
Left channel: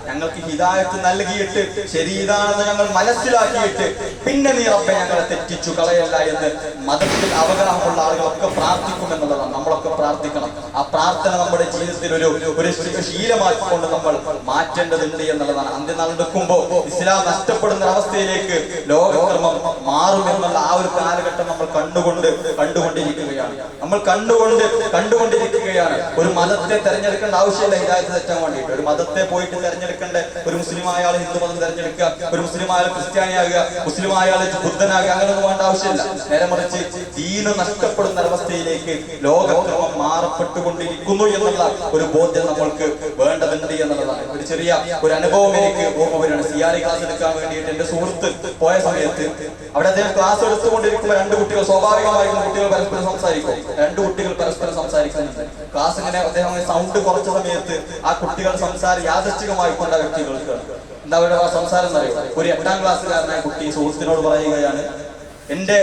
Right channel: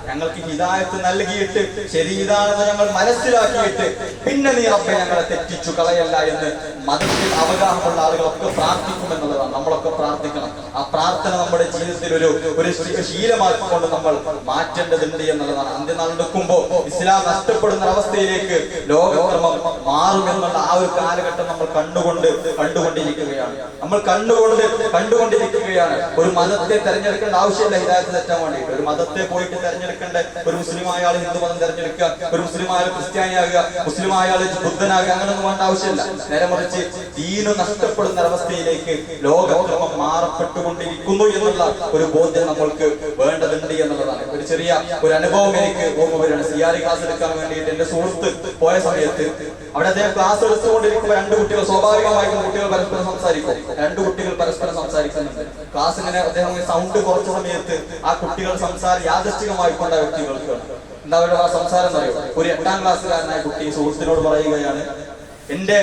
Speaker 1: ഞങ്ങൾക്ക് ഹിതായത്ത് നൽകിയിട്ട് ശരീരാണെന്ന് ഞങ്ങൾ മനസ്സിലാക്കിയിട്ട് പിന്നെ നീ റബ്ബെ ഞങ്ങളെ തെറ്റിച്ചു കളയല്ല എന്ന് മതത്തിൽ അവഗാഹമുള്ള ആളുകളൊക്കെ പ്രാർത്ഥിക്കുമെന്നുള്ളതാണ്. നമ്മളൊക്കെ പ്രാർത്ഥിക്കണം. ആ പ്രാർത്ഥന നമ്മുടെ ജീവിതത്തിൽ ഒരു ഒരു ശീലമാക്കിക്കൊണ്ട് നമ്മൾ മാറ്റേണ്ടതുണ്ട് എന്നുള്ളതാണ്. അന്ത്യനാൾ എടുക്കുമ്പോൾ ഇസ്ലാം നഷ്ടപ്പെടുന്ന അവസ്ഥയിലേക്ക് ലോകക്രമം മാറുമെന്നുള്ള ആ ഒരു കാലഘട്ടം നമ്മൾ കണ്ടുകൊണ്ട് കണ്ടുകൊണ്ടിരിക്കുകയാണ്. നമ്മൾ കണ്ടുകൊണ്ട് കണ്ടുകൊണ്ടിരിക്കുകയാണ്. ഒരു മതത്തെ തെരഞ്ഞെടുക്കേണ്ട ആവശ്യമില്ല. ഹിദായത്ത് തെറ്റാൻ വേണ്ടിയിട്ട് ഒരു മതത്തെ പോയിട്ട് തെരഞ്ഞെടുക്കേണ്ട ഒരു മുസ്ലിം ആയാൾ ഹിന്ദു മതം തെരഞ്ഞെടുക്കുക ഒരു മുസ്ലിം ആയാൾ ക്രിസ്ത്യാനിയാകുക മുസ്ലിം ആയാൾ ബുദ്ധനാകുക അങ്ങനെയൊന്നും വേണ്ട ആവശ്യമില്ല. നേരെ മറിച്ച് ദീന് നഷ്ടപ്പെടുന്ന അവസ്ഥയിലേക്ക് ലോകക്രമം മാറപ്പെട്ടുകൊണ്ടിരിക്കുന്നു എന്നുള്ള ഒരു ബോധ്യം നമ്മൾക്ക് വേണ്ടതുണ്ട് എന്നുള്ളതാണ്. ഒരു ചെറിയ ഒരു അനുഭവം എനിക്ക് ഓർമ്മ സിയാരി ക്ലാസ് എടുക്കാൻ വേണ്ടിയിട്ട് എന്റെ സുഹൃത്ത് പോയ സമയത്ത് അവിടെ അദ്ദേഹം ക്ലാസ് എടുത്തുകൊണ്ടിരിക്കുമ്പോൾ രണ്ട് കുട്ടികൾ സ്വാഭാവികമായും കുട്ടികൾ പരസ്പരം സംസാരിക്കും. രണ്ട് കുട്ടികൾ പരസ്പരം സംസാരിക്കുന്നുണ്ട് ക്ലാസ് ഇങ്ങനെ അദ്ദേഹം സൗണ്ട് കുറച്ച സമയത്ത് ആ കുട്ടികൾ സംസാരം യാദൃശ്ചികമായി കൊണ്ട വ്യക്തികൾക്ക്. എന്താ അവരുടെ ആ സംസാരം പറയും ഒരു എട്ടാം ക്ലാസ്സുകാരനായ കുട്ടി സുഹൃത്തിനോട് പറയുകയാണ് എന്റെ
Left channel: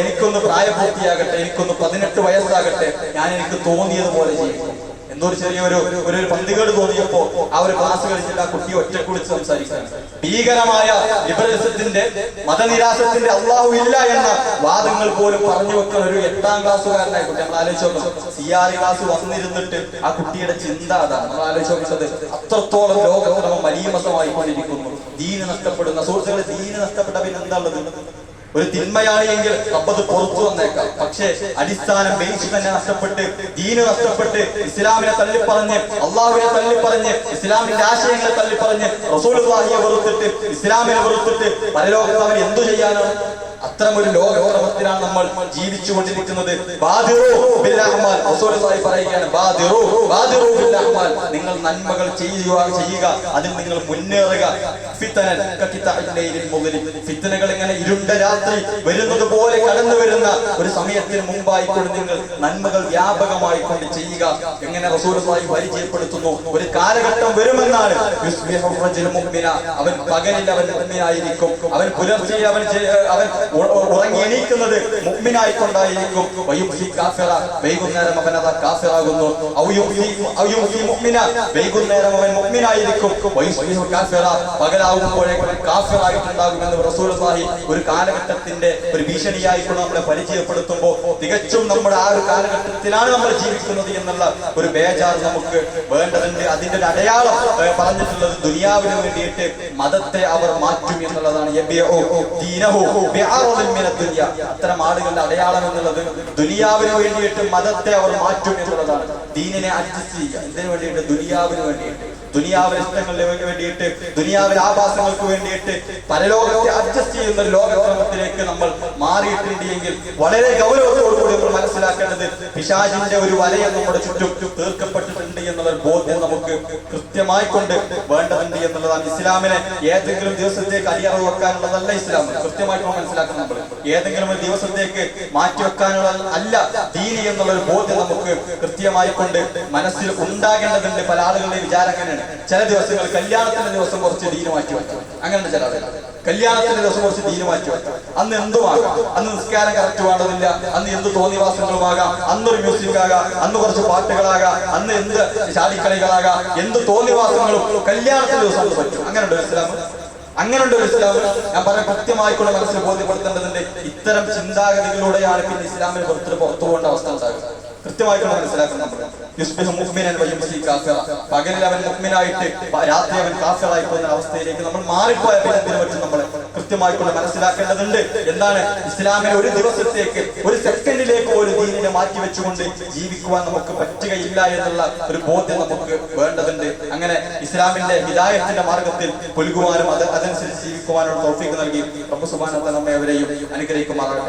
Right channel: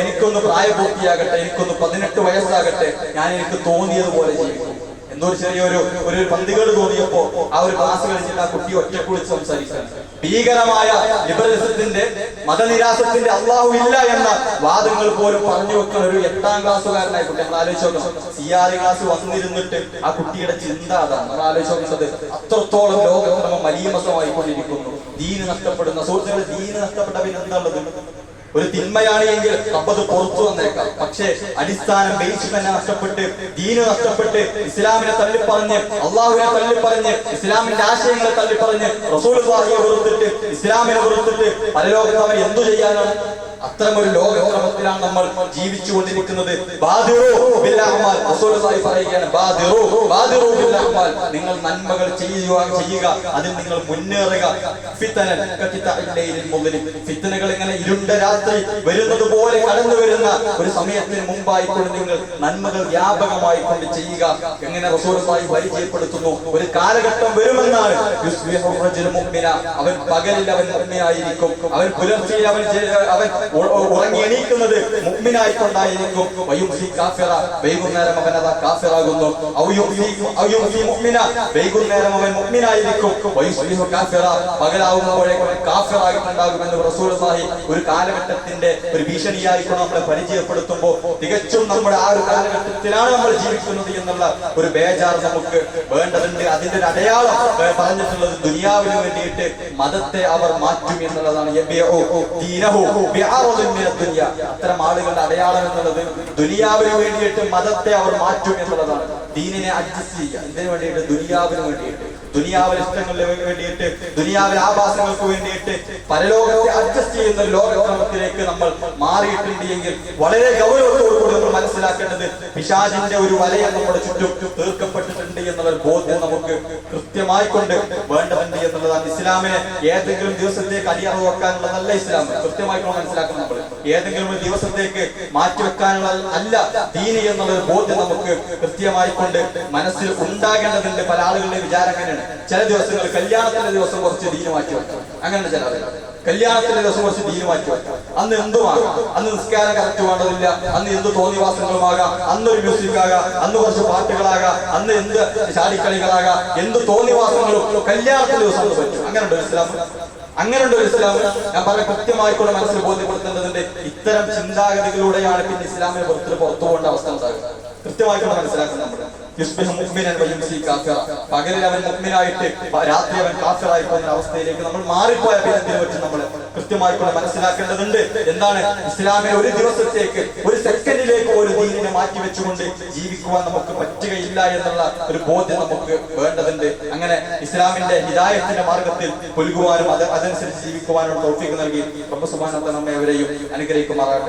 Speaker 1: എനിക്കൊന്ന് പ്രായപൂർത്തിയാകട്ടെ എനിക്കൊന്ന് പതിനെട്ട് വയസ്സാകട്ടെ ഞാൻ എനിക്ക് തോന്നിയതുപോലെ ചെയ്യും എന്തോ ഒരു ചെറിയൊരു ഒരു പന്തികേട് തോന്നിയപ്പോ ആ ഒരു ക്ലാസ് കഴിഞ്ഞിട്ട് ആ കുട്ടി ഒറ്റയ്ക്ക് വിളിച്ച് സംസാരിക്കുകയാണ് ഭീകരമായ ലിബറലിസത്തിന്റെ മതനിരാശത്തിന്റെ അള്ളാഹു ഇല്ല എന്ന വാദങ്ങൾ പോലും പറഞ്ഞു വെക്കുന്ന ഒരു എട്ടാം ക്ലാസ്സുകാരനായ കുട്ടി. നമ്മൾ ആലോചിച്ച് നോക്കണം സി ആർ ക്ലാസ് വന്നിരുന്നിട്ട് ആ കുട്ടിയുടെ ചിന്ത അതാണ്. നമ്മൾ ആലോചിച്ച് നോക്കുന്നത് അത്രത്തോളം ലോകക്രമം മലീമസമായി കൊണ്ടിരിക്കുന്നു ദീന് നഷ്ടപ്പെടുന്ന സുഹൃത്തുക്കളെ ദീന് നഷ്ടപ്പെട്ട പിന്നെ എന്താ ഉള്ളത്? ഒരു തിന്മയാണ് എങ്കിൽ അപ്പത് പുറത്തു വന്നേക്കാം പക്ഷേ അടിസ്ഥാനം ബേസ് നഷ്ടപ്പെട്ട് ദീന് നഷ്ടപ്പെട്ട് ഇസ്ലാമിനെ തള്ളിപ്പറഞ്ഞ് അള്ളാഹുവിനെ തള്ളിപ്പറഞ്ഞ് ഇസ്ലാമിന്റെ ആശയങ്ങളെ തള്ളിപ്പറഞ്ഞ് റസൂലുള്ളാഹിയെ വെറുത്തിട്ട് ഇസ്ലാമിനെ വെറുത്തിട്ട് പരലോകത്ത് അവർ എന്തു ചെയ്യാനാണ് അത്തരമൊരു ഒരു ലോകക്രമത്തിലാണ് നമ്മൾ ജീവിച്ചു കൊണ്ടിരിക്കുന്നത്. പറയുകയാണ് നിങ്ങൾ നന്മകൾ ചെയ്യുക ചെയ്യുക അതിൽ നിങ്ങൾ മുന്നേറുക ഫിത്തനൽ. ഫിത്തനകൾ ഇങ്ങനെ ഇരുണ്ട രാത്രി വരുന്നത് പോലെ കടന്നു വരുന്ന ഒരു സമയത്തിന് മുമ്പായി കൊണ്ട് നിങ്ങൾ നന്മകൾ വ്യാപകമായി കൊണ്ട് ചെയ്യുക. എങ്ങനെ റസൂലുള്ളാഹി പരിചയപ്പെടുത്തുന്നു? ഒരു കാലഘട്ടം വരുമെന്നാണ്. അവൻ പകലിൽ അവൻ മുമ്പിനായിരിക്കും അവൻ പുലർച്ചെ അവൻ അവൻ ഉറങ്ങി എണീക്കുന്നത് കാഫിറ. വൈകുന്നേരം അവൻ അതാ കാഫിറാകുന്നു. വൈകുന്നേരം അവൻ കാഫിറ. പകലാകുമ്പോഴേക്കും കാഫിറായിട്ടുണ്ടാകുമെന്ന് റസൂലുള്ളാഹി ഒരു കാലഘട്ടത്തിന്റെ ഒരു ഭീഷണിയായിട്ട് നമ്മളെ പരിചയപ്പെടുത്തുമ്പോൾ തികച്ചും നമ്മുടെ ആ ഒരു കാലഘട്ടത്തിലാണ് നമ്മൾ ജീവിക്കുന്നത് എന്നുള്ള ഒരു ബേജാർ നമുക്ക് വേണ്ടതുണ്ട്. അതിന്റെ ഒരു അടയാളം പറഞ്ഞിട്ടുള്ളത് ദുനിയാവിന് വേണ്ടിയിട്ട് മതത്തെ അവർ മാറ്റും എന്നുള്ളതാണ്. അത്തരം ആളുകളുടെ അടയാളം എന്നുള്ളത് ദുനിയാവിന് വേണ്ടിയിട്ട് മതത്തെ അവർ മാറ്റും എന്നുള്ളതാണ്. ദീനിനെ അഡ്ജസ്റ്റ് ചെയ്യുക. എന്തിനു വേണ്ടിയിട്ട്? ദുനിയാവിന് വേണ്ടിയിട്ട്. ദുനിയാവിലെ ഇഷ്ടങ്ങൾക്ക് വേണ്ടിയിട്ട് ദുനിയാവിലെ ആഭാസങ്ങൾക്ക് വേണ്ടിയിട്ട് പരലോകത്തെ അഡ്ജസ്റ്റ് ചെയ്യുന്ന ലോകത്തിലേക്ക് നമ്മൾ മാറിയിട്ടുണ്ട് എങ്കിൽ വളരെ ഗൗരവത്തോടുകൂടി നമ്മൾ മനസ്സിലാക്കേണ്ടത് പിശാചിന്റെ ഒരു വലയം നമ്മുടെ ചുറ്റും തീർക്കപ്പെട്ടിട്ടുണ്ട് എന്നുള്ള ബോധ്യം നമുക്ക് കൃത്യമായി കൊണ്ട് വേണ്ടതുണ്ട് എന്നുള്ളതാണ് ഇസ്ലാമിനെ ഏതെങ്കിലും ദിവസത്തേക്ക് അടിയറവ് വെക്കാനുള്ളതല്ല ഇസ്ലാം. കൃത്യമായി മനസ്സിലാക്കണം നമ്മൾ. ഏതെങ്കിലും ഒരു ദിവസത്തേക്ക് മാറ്റി വെക്കാനുള്ള അല്ല ദീനി എന്നുള്ള ഒരു ബോധ്യം നമുക്ക് കൃത്യമായി കൊണ്ട് മനസ്സിൽ ഉണ്ടാകേണ്ടതുണ്ട്. പല ആളുകളുടെ വിചാരം അങ്ങനെയാണ് ചില ദിവസങ്ങൾ കല്യാണത്തിന്റെ ദിവസം കുറച്ച് ദീന് മാറ്റി വെക്കാം അങ്ങനെയാണ് ചില കല്യാണത്തിന്റെ ദിവസം കുറച്ച് ദീന് മാറ്റി വെക്കാം അന്ന് എന്തുമാകാം? അന്ന് നിസ്കാരം കറക്റ്റ് വേണ്ടതില്ല അന്ന് എന്ത് തോന്നിവാസങ്ങളുമാകാം? ഒരു മ്യൂസിക് ആകാം. അന്ന് കുറച്ച് പാട്ടുകളാകാം. അന്ന് എന്ത് ചാടിക്കളികളാകാം എന്ത് തോന്നിവാസങ്ങളും കല്യാണത്തിന്റെ ദിവസം പറ്റും. അങ്ങനെയുണ്ട് ഇസ്ലാം. അങ്ങനെയുണ്ട് ഒരു ഇസ്ലാം. ഞാൻ പറഞ്ഞ കൃത്യമായിട്ടുള്ള മനസ്സിൽ ബോധ്യപ്പെടുത്തേണ്ടതുണ്ട്. ഇത്തരം ചിന്താഗതികളിലൂടെയാണ് പിന്നെ ഇസ്ലാമിന് പുറത്തിന് പുറത്തു പോകേണ്ട അവസ്ഥ ഉണ്ടാകുന്നത്. കൃത്യമായിട്ടുള്ള മനസ്സിലാക്കണം പകലിൽ അവൻ മുഹ്മിനായിട്ട് രാത്രി അവൻ കാഫിറായി പോകുന്ന അവസ്ഥയിലേക്ക് നമ്മൾ മാറിപ്പോയ പിന്നെ പറ്റും നമ്മൾ കൃത്യമായിട്ടുള്ള മനസ്സിലാക്കേണ്ടതുണ്ട്. എന്താണ്? ഇസ്ലാമിനെ ഒരു ദിവസത്തേക്ക് ഒരു സെക്കൻഡിലേക്ക് ഒരു ദീനിനെ മാറ്റി വെച്ചുകൊണ്ട് ജീവിക്കുവാൻ നമുക്ക് പറ്റുകയില്ല എന്നുള്ള ഒരു ബോധ്യം നമുക്ക് വേണ്ടതുണ്ട്. അങ്ങനെ ഇസ്ലാമിന്റെ ഹിദായത്തിന്റെ മാർഗത്തിൽ പുലുകുവാനും അത് അതനുസരിച്ച് ജീവിക്കുവാനുള്ള തോഫിക്ക് നൽകി. പ്രഭു സുബാനത്തെ നമ്മെ അവരെയും